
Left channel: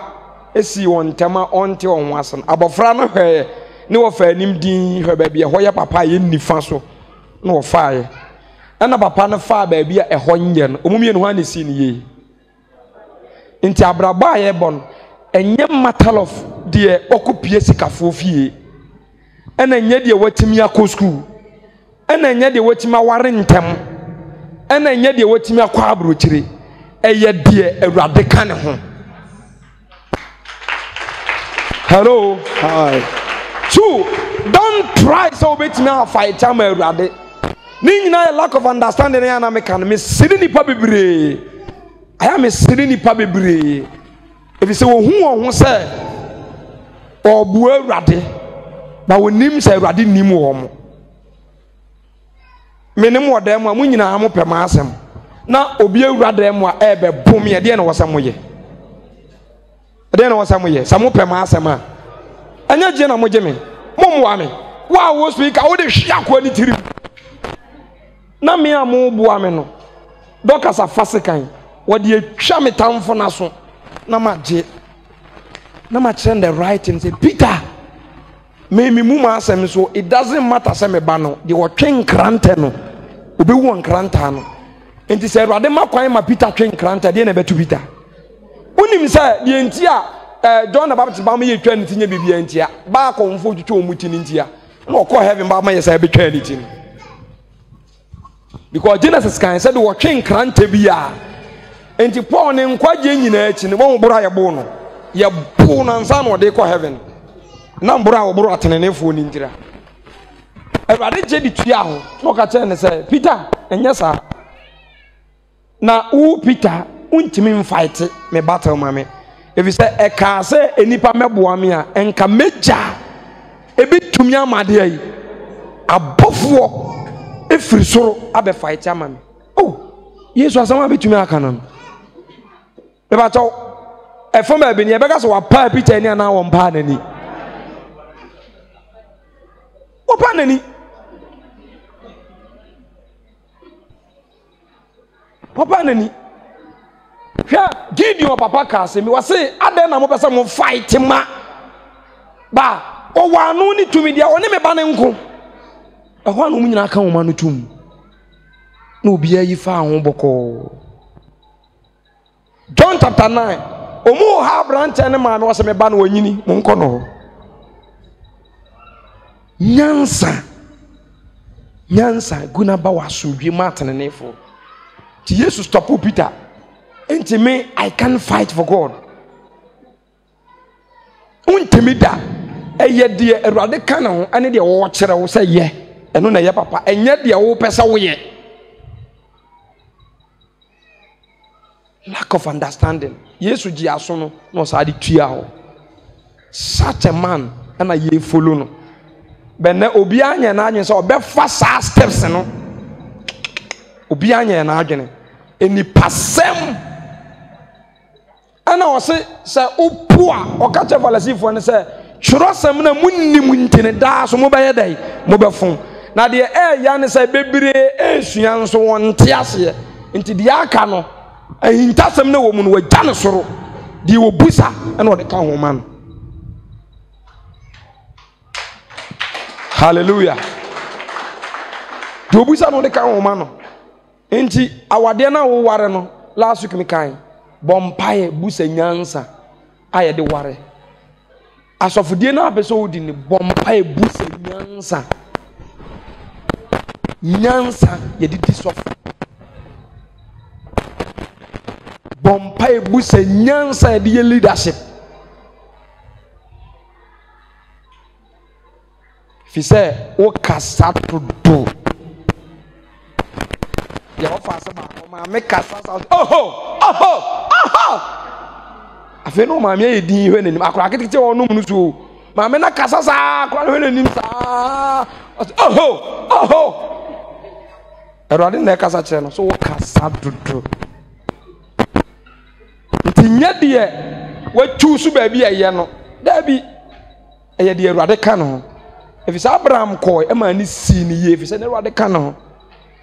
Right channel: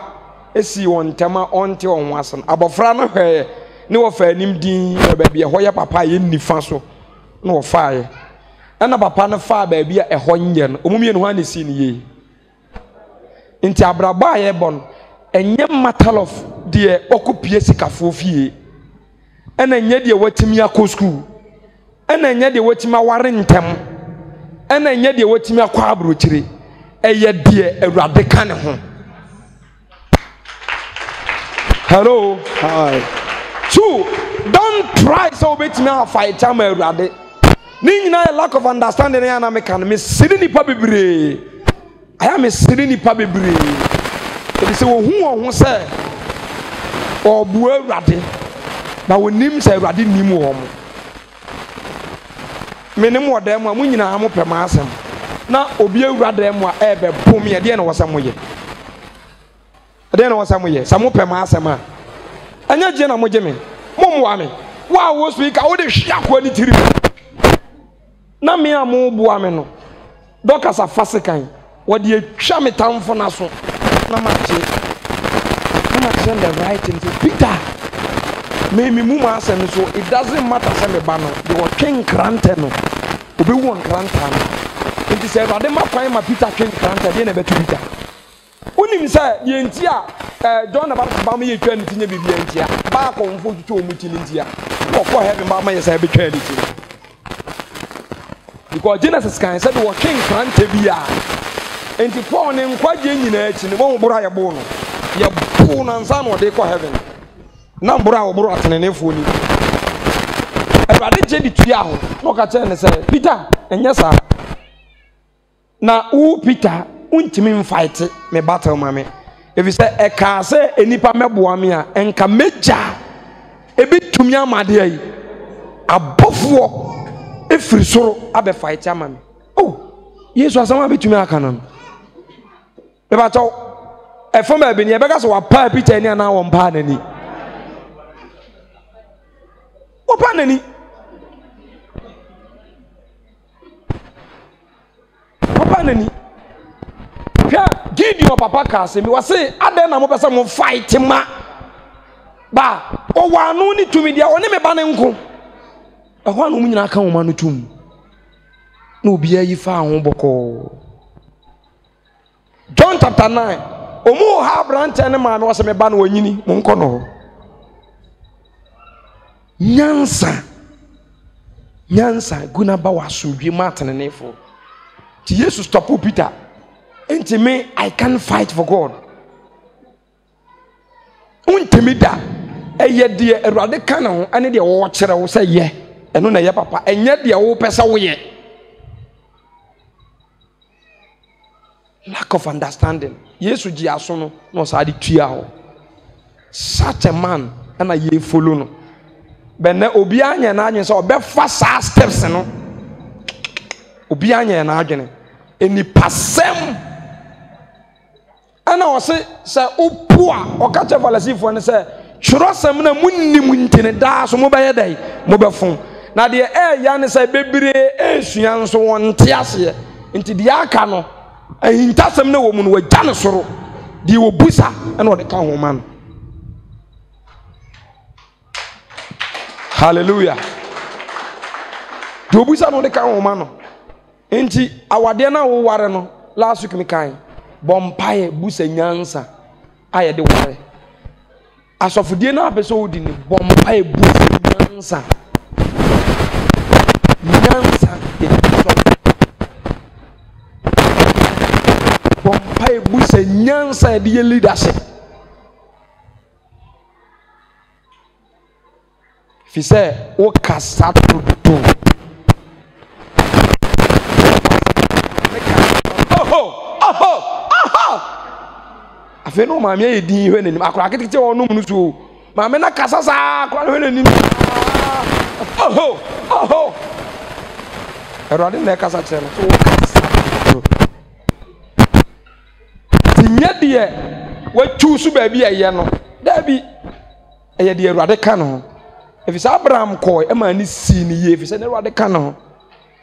esi won tema onte on wasen abofra no hwe ne wo fa anim din ba bia ho ye papa ye nifa so na wo fa ye ana papa no fa ba bia ho nye no omumie no ha ne si ne ye nti abraba ye bon enye matter of de okupie sikafo fie ana enye de watimi akọ school ana enye de watimi aware ntem ana enye de watimi akọ abrochire eye de awurade ka ne ho. Hello. Hi. Two, don't try so bit me a fight am awurade. Ni nyina lack of understanding na me kan me siri nipa bebre. Aya me siri nipa bebre. E bi se wo hu se obu awurade ba wonim se awurade nim wo mo. Me ne mo dem a mo nyina mo pema asem. Na obi awurade mo a ebe bom ye de na wo sam ye. Ade na wo sam ye. Samo pema asem a. Anya je na mo je me. Mo wa me. Wa wo speaker wo de hwia kwa ni tirim. Na me a mo bo ame no. Dokasa fasikan. Wo de atwa me tamfo na so. Na ma je. Na ma send the right and say Peter. Me mu ma asem so it doesn't matter say me ba no. De wo twen krante no. Obi wo nkranta no. Enti say Awurade ma kwan ma Peter twen kranta de na betu Peter. Unim say de enti a John the Baptist ba me yetwa ntinye bibia ntia ba konfo twetwe omuti ntia no ko heaven ba ma yesa betwa nti because Genesis kan said wo twen krante bia enti Paul ne nkwaje nyina achi ne won boro ayebo no ye bu na nsa no de ko heaven na mboro a oboro atenenefo ni ngira Ewade je di tua ho no ka che ne say Peter enye sa na Peter untimi fight me battle mame if you say e ka say enipa meboa me a enka meja ebetumi amade ayi abofo efiri soro abe fight amame yesu asama betumi aka no be ba taw e fo ma bi ne e be ka so wa pa Peter ni ana wo mpa nani wo pa nani papa nani Pia Gideon papa ka se mi wase aden na mo pese mo fight ma ba o wanu ni tumi dia oni me ba ne nko e ho anu nyina ka wo ma no tum na obi ayi fa ho boko John chapter 9 omu ha branch ne ma me wase me ba na wanyini mo nko no nyansa guna ba wasudwe matene nefo Jesus stop Peter. Enti me I can fight for God. Untimi da eye de Erade kana ho ane de wo kire wo say ye. Eno na ye papa. Enye de wo pesa wo ye. Lack of understanding. Yesu ji aso no no sa de tua ho. Such a man and ye follow no. Benne obi anya na anwen say obefa sa steps no. Obi anya na adwene eni pasem ana wose se opua okache falasifo ne se churosem na munnim ntine da so mo baye dai mo befon na de ya ne se bebire esua nso wonte ase nti de aka no ahintasem na wo mu no wagya ne soro de wo busa na de ka ho man hallelujah de wo busa no de ka ho man no enti awade na wo ware no last week me kan bompaye busa nyansa aye de ware asofodie na abeso wodi ni bompaye busa nyansa ye de biso bompaye busa nyansa ye de leadership fi say o kasa to do afe no ma me edin hwe nanim akora ketekete wonu mu so ma me na kasa sa akora hwe nanim Erade na kasa kire no so wo kasa dito tinye de wa chusu ba bi eye no da bi eye de Erade ka no efisa Abraham koy e ma ni si ni ye efisa na Erade ka no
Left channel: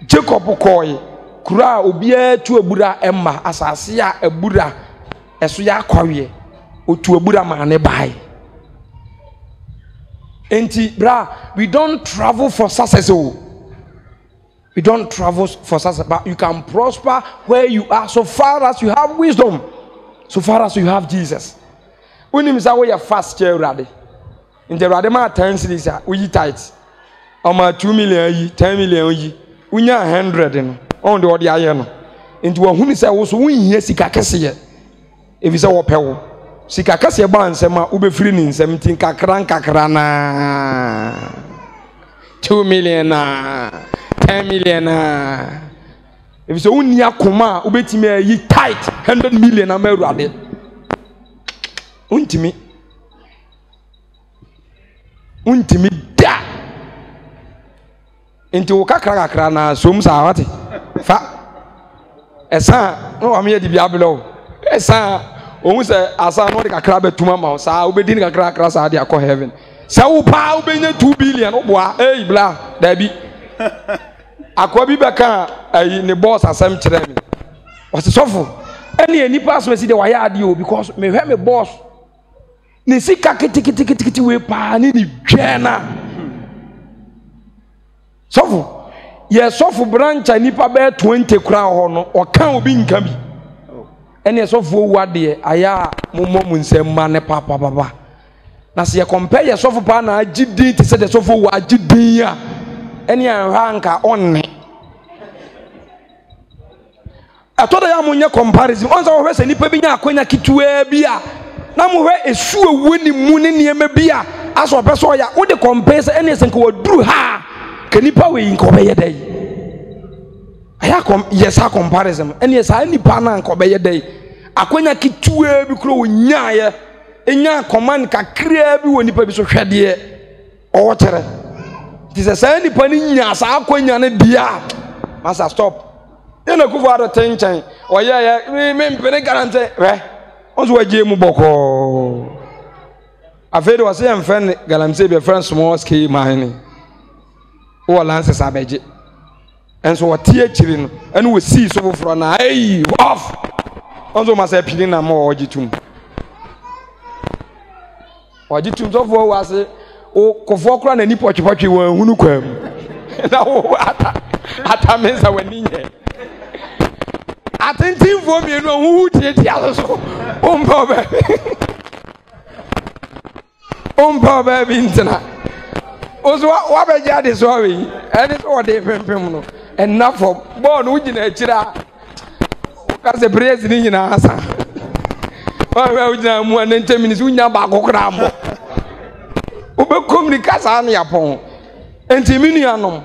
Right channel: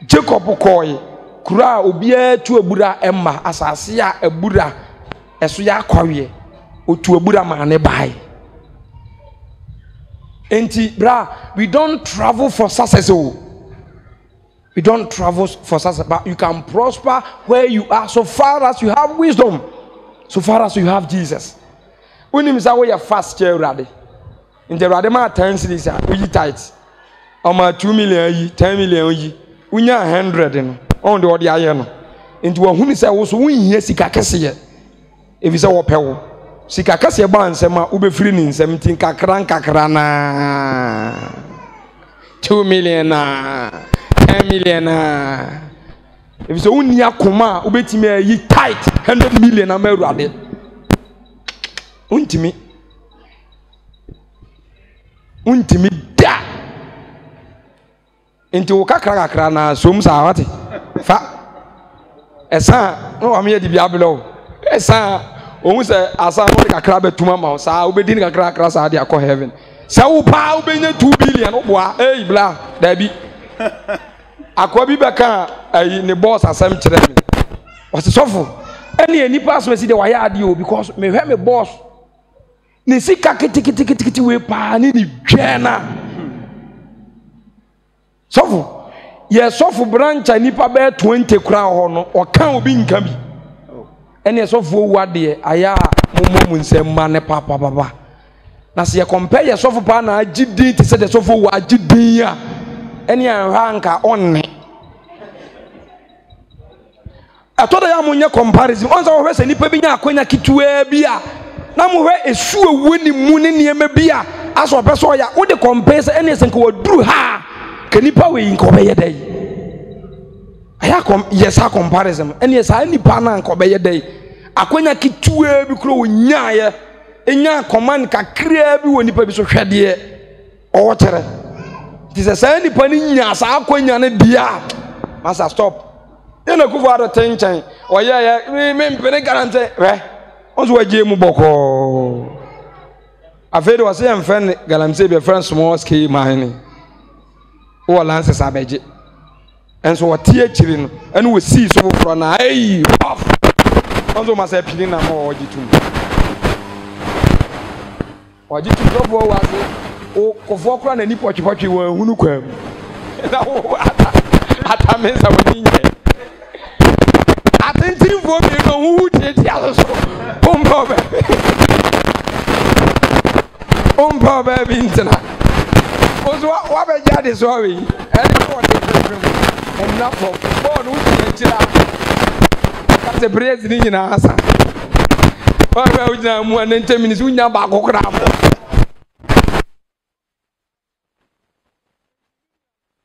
Jacob koy kura obia tu abura emma asase a abura eso ya kwawe otu abura ma ne bai enti bra we don't travel for success we don't travel for success but you can prosper where you are so far as you have wisdom so far as you have Jesus unim sa we fast Erade in the Erade ma 10 cities we tight o ma 2 million yi 10 million yi unya 100 no on the odi aye no enti wo hunu se wo so wonhia sika kese ye ebi se wo pewo sika kese ba nsem a wo be firi ni nsem tin kakra na 2 million na 10 million na ebi se wonni akoma wo betimi ayi tight 100 million na ma Erade untimi da enti wo kakra na som sa wate fa esa no amye di biabelo esa ohun se asa no de kakra betuma ma sa obedi ni kakra sa de akọ heaven sa wo pa obenya 2 billion oboa bla da bi akọ bi beka ayi ne boss asem kire mi wase sofo eni pass we si de wa ya ade o because me hwe me boss ni sika kiti we pa ni dwena sofo ye sofo branch nipa be 20 kura ho no o kan obi nka bi ɛne ɛsɔfoɔ wu adeɛ ayɛ a mommɔ mu nsɛm ma ne papapapa na sɛ yɛkɔmpɛ yɛ sɔfo paa na agye din te sɛ deɛ sɔfoɔ wu agye din a ɛne anhwɛ anka ɔnne ɛtɔ da yɛ a monyɛ comparison ɔnsɛ wɔhwɛ sɛ nnipa bi nya akwanya ketewaa bi a na mohwɛ ɛsu awuo ne mu ne nneɛma bi a asɛ ɔpɛ sɛ ɔyɛ a wode compare sɛ ɛne sɛ nka waduru ha a ka nnipa wei nka ɔbɛyɛ dɛ yɛ saa comparison ɛne saa nnipa no a nka ɔbɛyɛ dɛ akwanya ketewaa bi koro wɔnyaeɛ ɛnya command kakraa bi wɔ nnipa bi so hwɛdeɛ ɔwɔ kyerɛ nti sɛ saa nnipa no nya saa akwanya no deɛ a masa stop yɛna kufo ado te nkyɛn ɔyɛyɛ mempene garante hwɛ ɔnso wagye mu bɔkɔɔ afei de wɔsɛ yɛmfɛ ne galamsey bɛfrɛ small scale mine wowɔ lances abɛgye ɛnso wɔte akyiri no ɛne wɔsii so foforɔ na ai off ɔnso ma sɛ pini na ma wɔgye tum wɔgye tum sɔfoɔ wɔ ase kɔfoɔ kora n'ani pɔtwepɔtwe wɔ ahunu kwaa mu na wo atame nsa w'ani nyɛ atentimfoɔ mmienu ɔhuhu tiatia so wompɛ ɔbaa bi ntena wo so woabɛgye ade so awe yi ɛne sɛ wɔde pempem no ɛnna fam bɔɔl no wogyina akyiri a ka sɛ praise ne nyinaa asa wɔhwɛ wogyina mu a ne ntɛmini sɛ wonya baako koraa mbɔ wobɛkɔm ni ka saa ne yapɔn enti me nuanom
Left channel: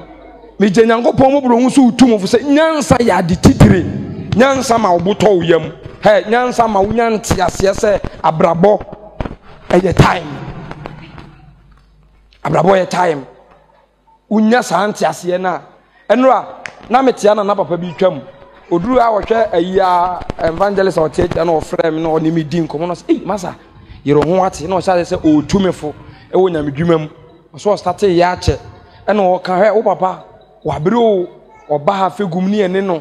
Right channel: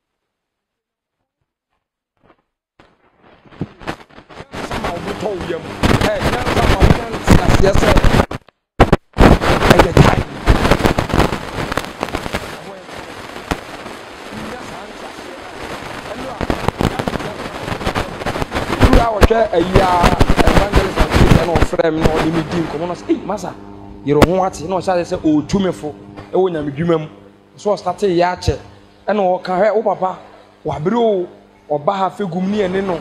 megye nyankopɔn mɔborɔ hu so wotu mfo sɛ nyansa yɛ ade titire nyansa ma wobotɔ wo yam nyansa ma wonya nteaseɛ sɛ abrabɔ ɛyɛ time abrabɔ yɛ time wonya saa nteaseɛ no a ɛno a na metea na papa bi twam oduru a wɔhwɛ ayi a evangelist a ɔteatia na ɔfrɛ me na ɔne me di nkɔmmɔ no sɛ masa yɛrɛ ho ate na ɔhyɛ sɛ ɔɔtu me fo ɛwɔ nyamedwuma mu ɔsɛ ɔstate yɛ akyɛ ɛna ɔka hwɛ wo papa wabere o ɔba ha fegum ne ɛne no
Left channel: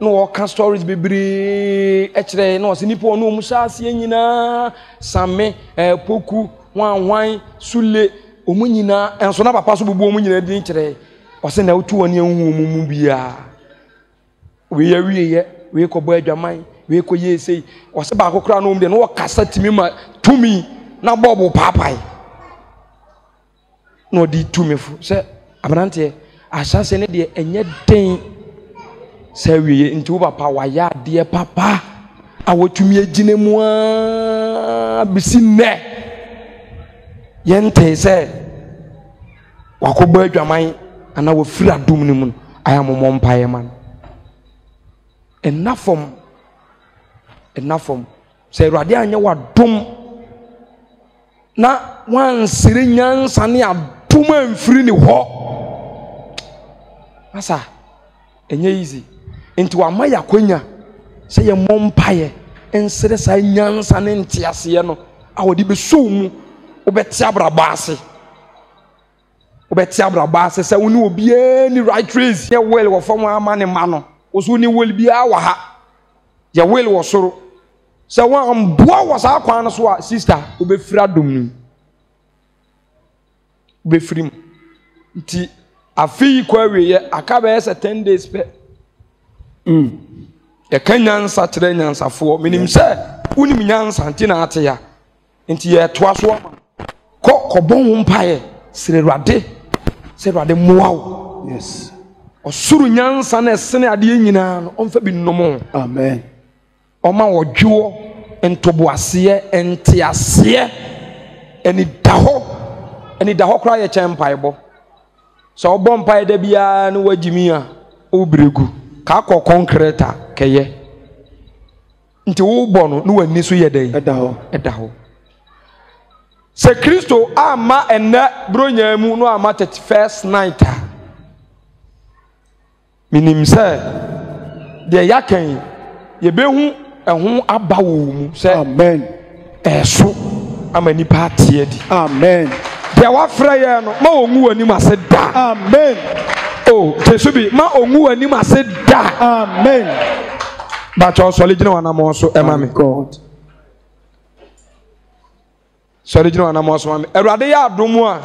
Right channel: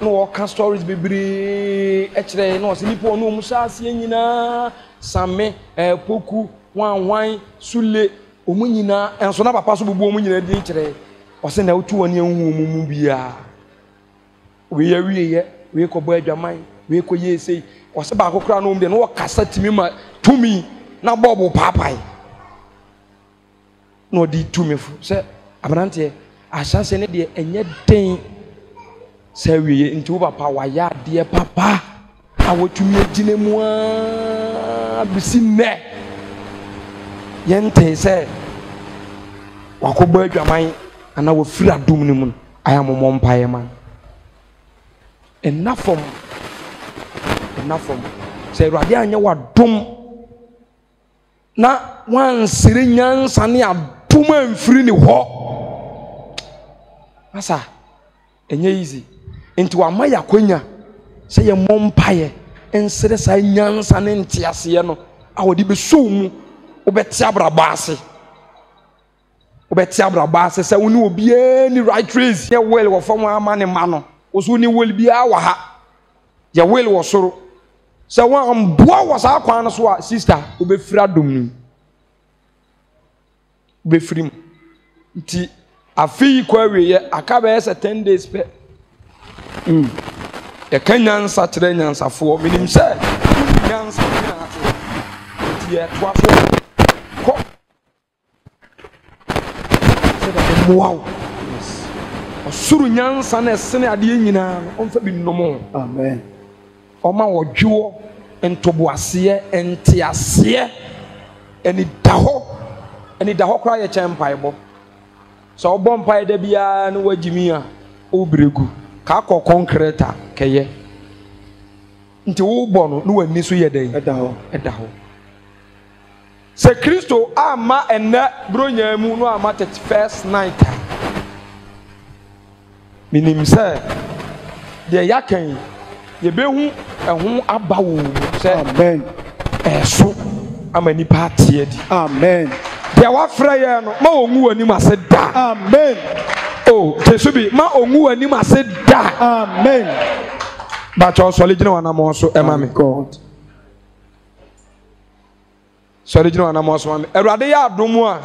na wɔka stories bebree ɛkyerɛ na ɔsɛ nipa ɔno ɔmu hyɛ aseɛ nyinaa same poku hwanhwan sule ɔmu nyinaa ɛnso na papa so bubu ɔmu nyinaa din kyerɛ ɔsɛ na wotu wɔne ahu ɔmu mu biara wei awieyɛ wei kɔbɔ adwaman wei kɔyɛ esei ɔsɛ baako koraa na ɔmu deɛ na wɔkasa tumi ma tumi na bɔɔbo paapae na ɔde tumi fo sɛ aberanteɛ ahyɛaseɛ ne deɛ ɛnyɛ den sɛ awieyɛ nti wo papa wayɛ adeɛ papa a wɔtumi agyina mu a bisi nnɛ yɛntee sɛ wakɔbɔ adwaman anaa wɔfiri adom no mu no ayɛ amomɔ mpaeɛ ma no ɛna fam sɛ awurade anyɛ wadom na wansere nyansa ne adom amfiri ne hɔ asa ɛnyɛ easy nti wama yɛ akwanya sɛ yɛmmɔ mpaeɛ nsere saa nyansa ne nteaseɛ no a wɔde bɛsɔw mu wobɛte abrabɔ ase sɛ wo ne obiara ni right race yɛ will wɔ fam ama ne ma no wo so ne will biara wɔ ha yɛ will wɔ soro sɛ woamboa wɔ saa kwan no so a sister wobɛfiri adom no wobɛfiri mu nti afei kɔ awieyɛ aka bɛyɛ sɛ 10 days pɛ yɛka nyansa kyerɛ nyansafoɔ menim sɛ wonim nyansa nti na ate ya nti yɛtoa soɔ kɔbɔ ho mpaeɛ sɛ Awurade mmoa wo ɔsoro nyansa na ɛsene adeɛ nyinaa no ɔmfa bi nnom amen ɔma wɔdwoɔ ntoboaseɛ nteaseɛ ɛnida hɔ koraa yɛ kyɛn mpaebɔ sɛ ɔbɔ mpaeɛ da biara ne wagyimi a wobregu ka akɔ concrete a kɛyɛ nti wobɔ no ne w'ani so yɛ dɛn ɛda hɔ sɛ Kristo ama ɛnɛ bronya mu no ama 31st night a menim sɛ deɛ yɛakan yɛbɛhu ɛho aba wɔ mu sɛ amen ɛso ama nipa ateɛ di amen deɛ wafrɛ yɛ no ma ɔngu w'anim ase da amen tesu bi ma ɔngu w'anim ase da amen bakyɛ ɔsɔre gyina w'anammɔ so ɛma me sɔre gyina w'anammɔ so ma me Awurade yɛ adom a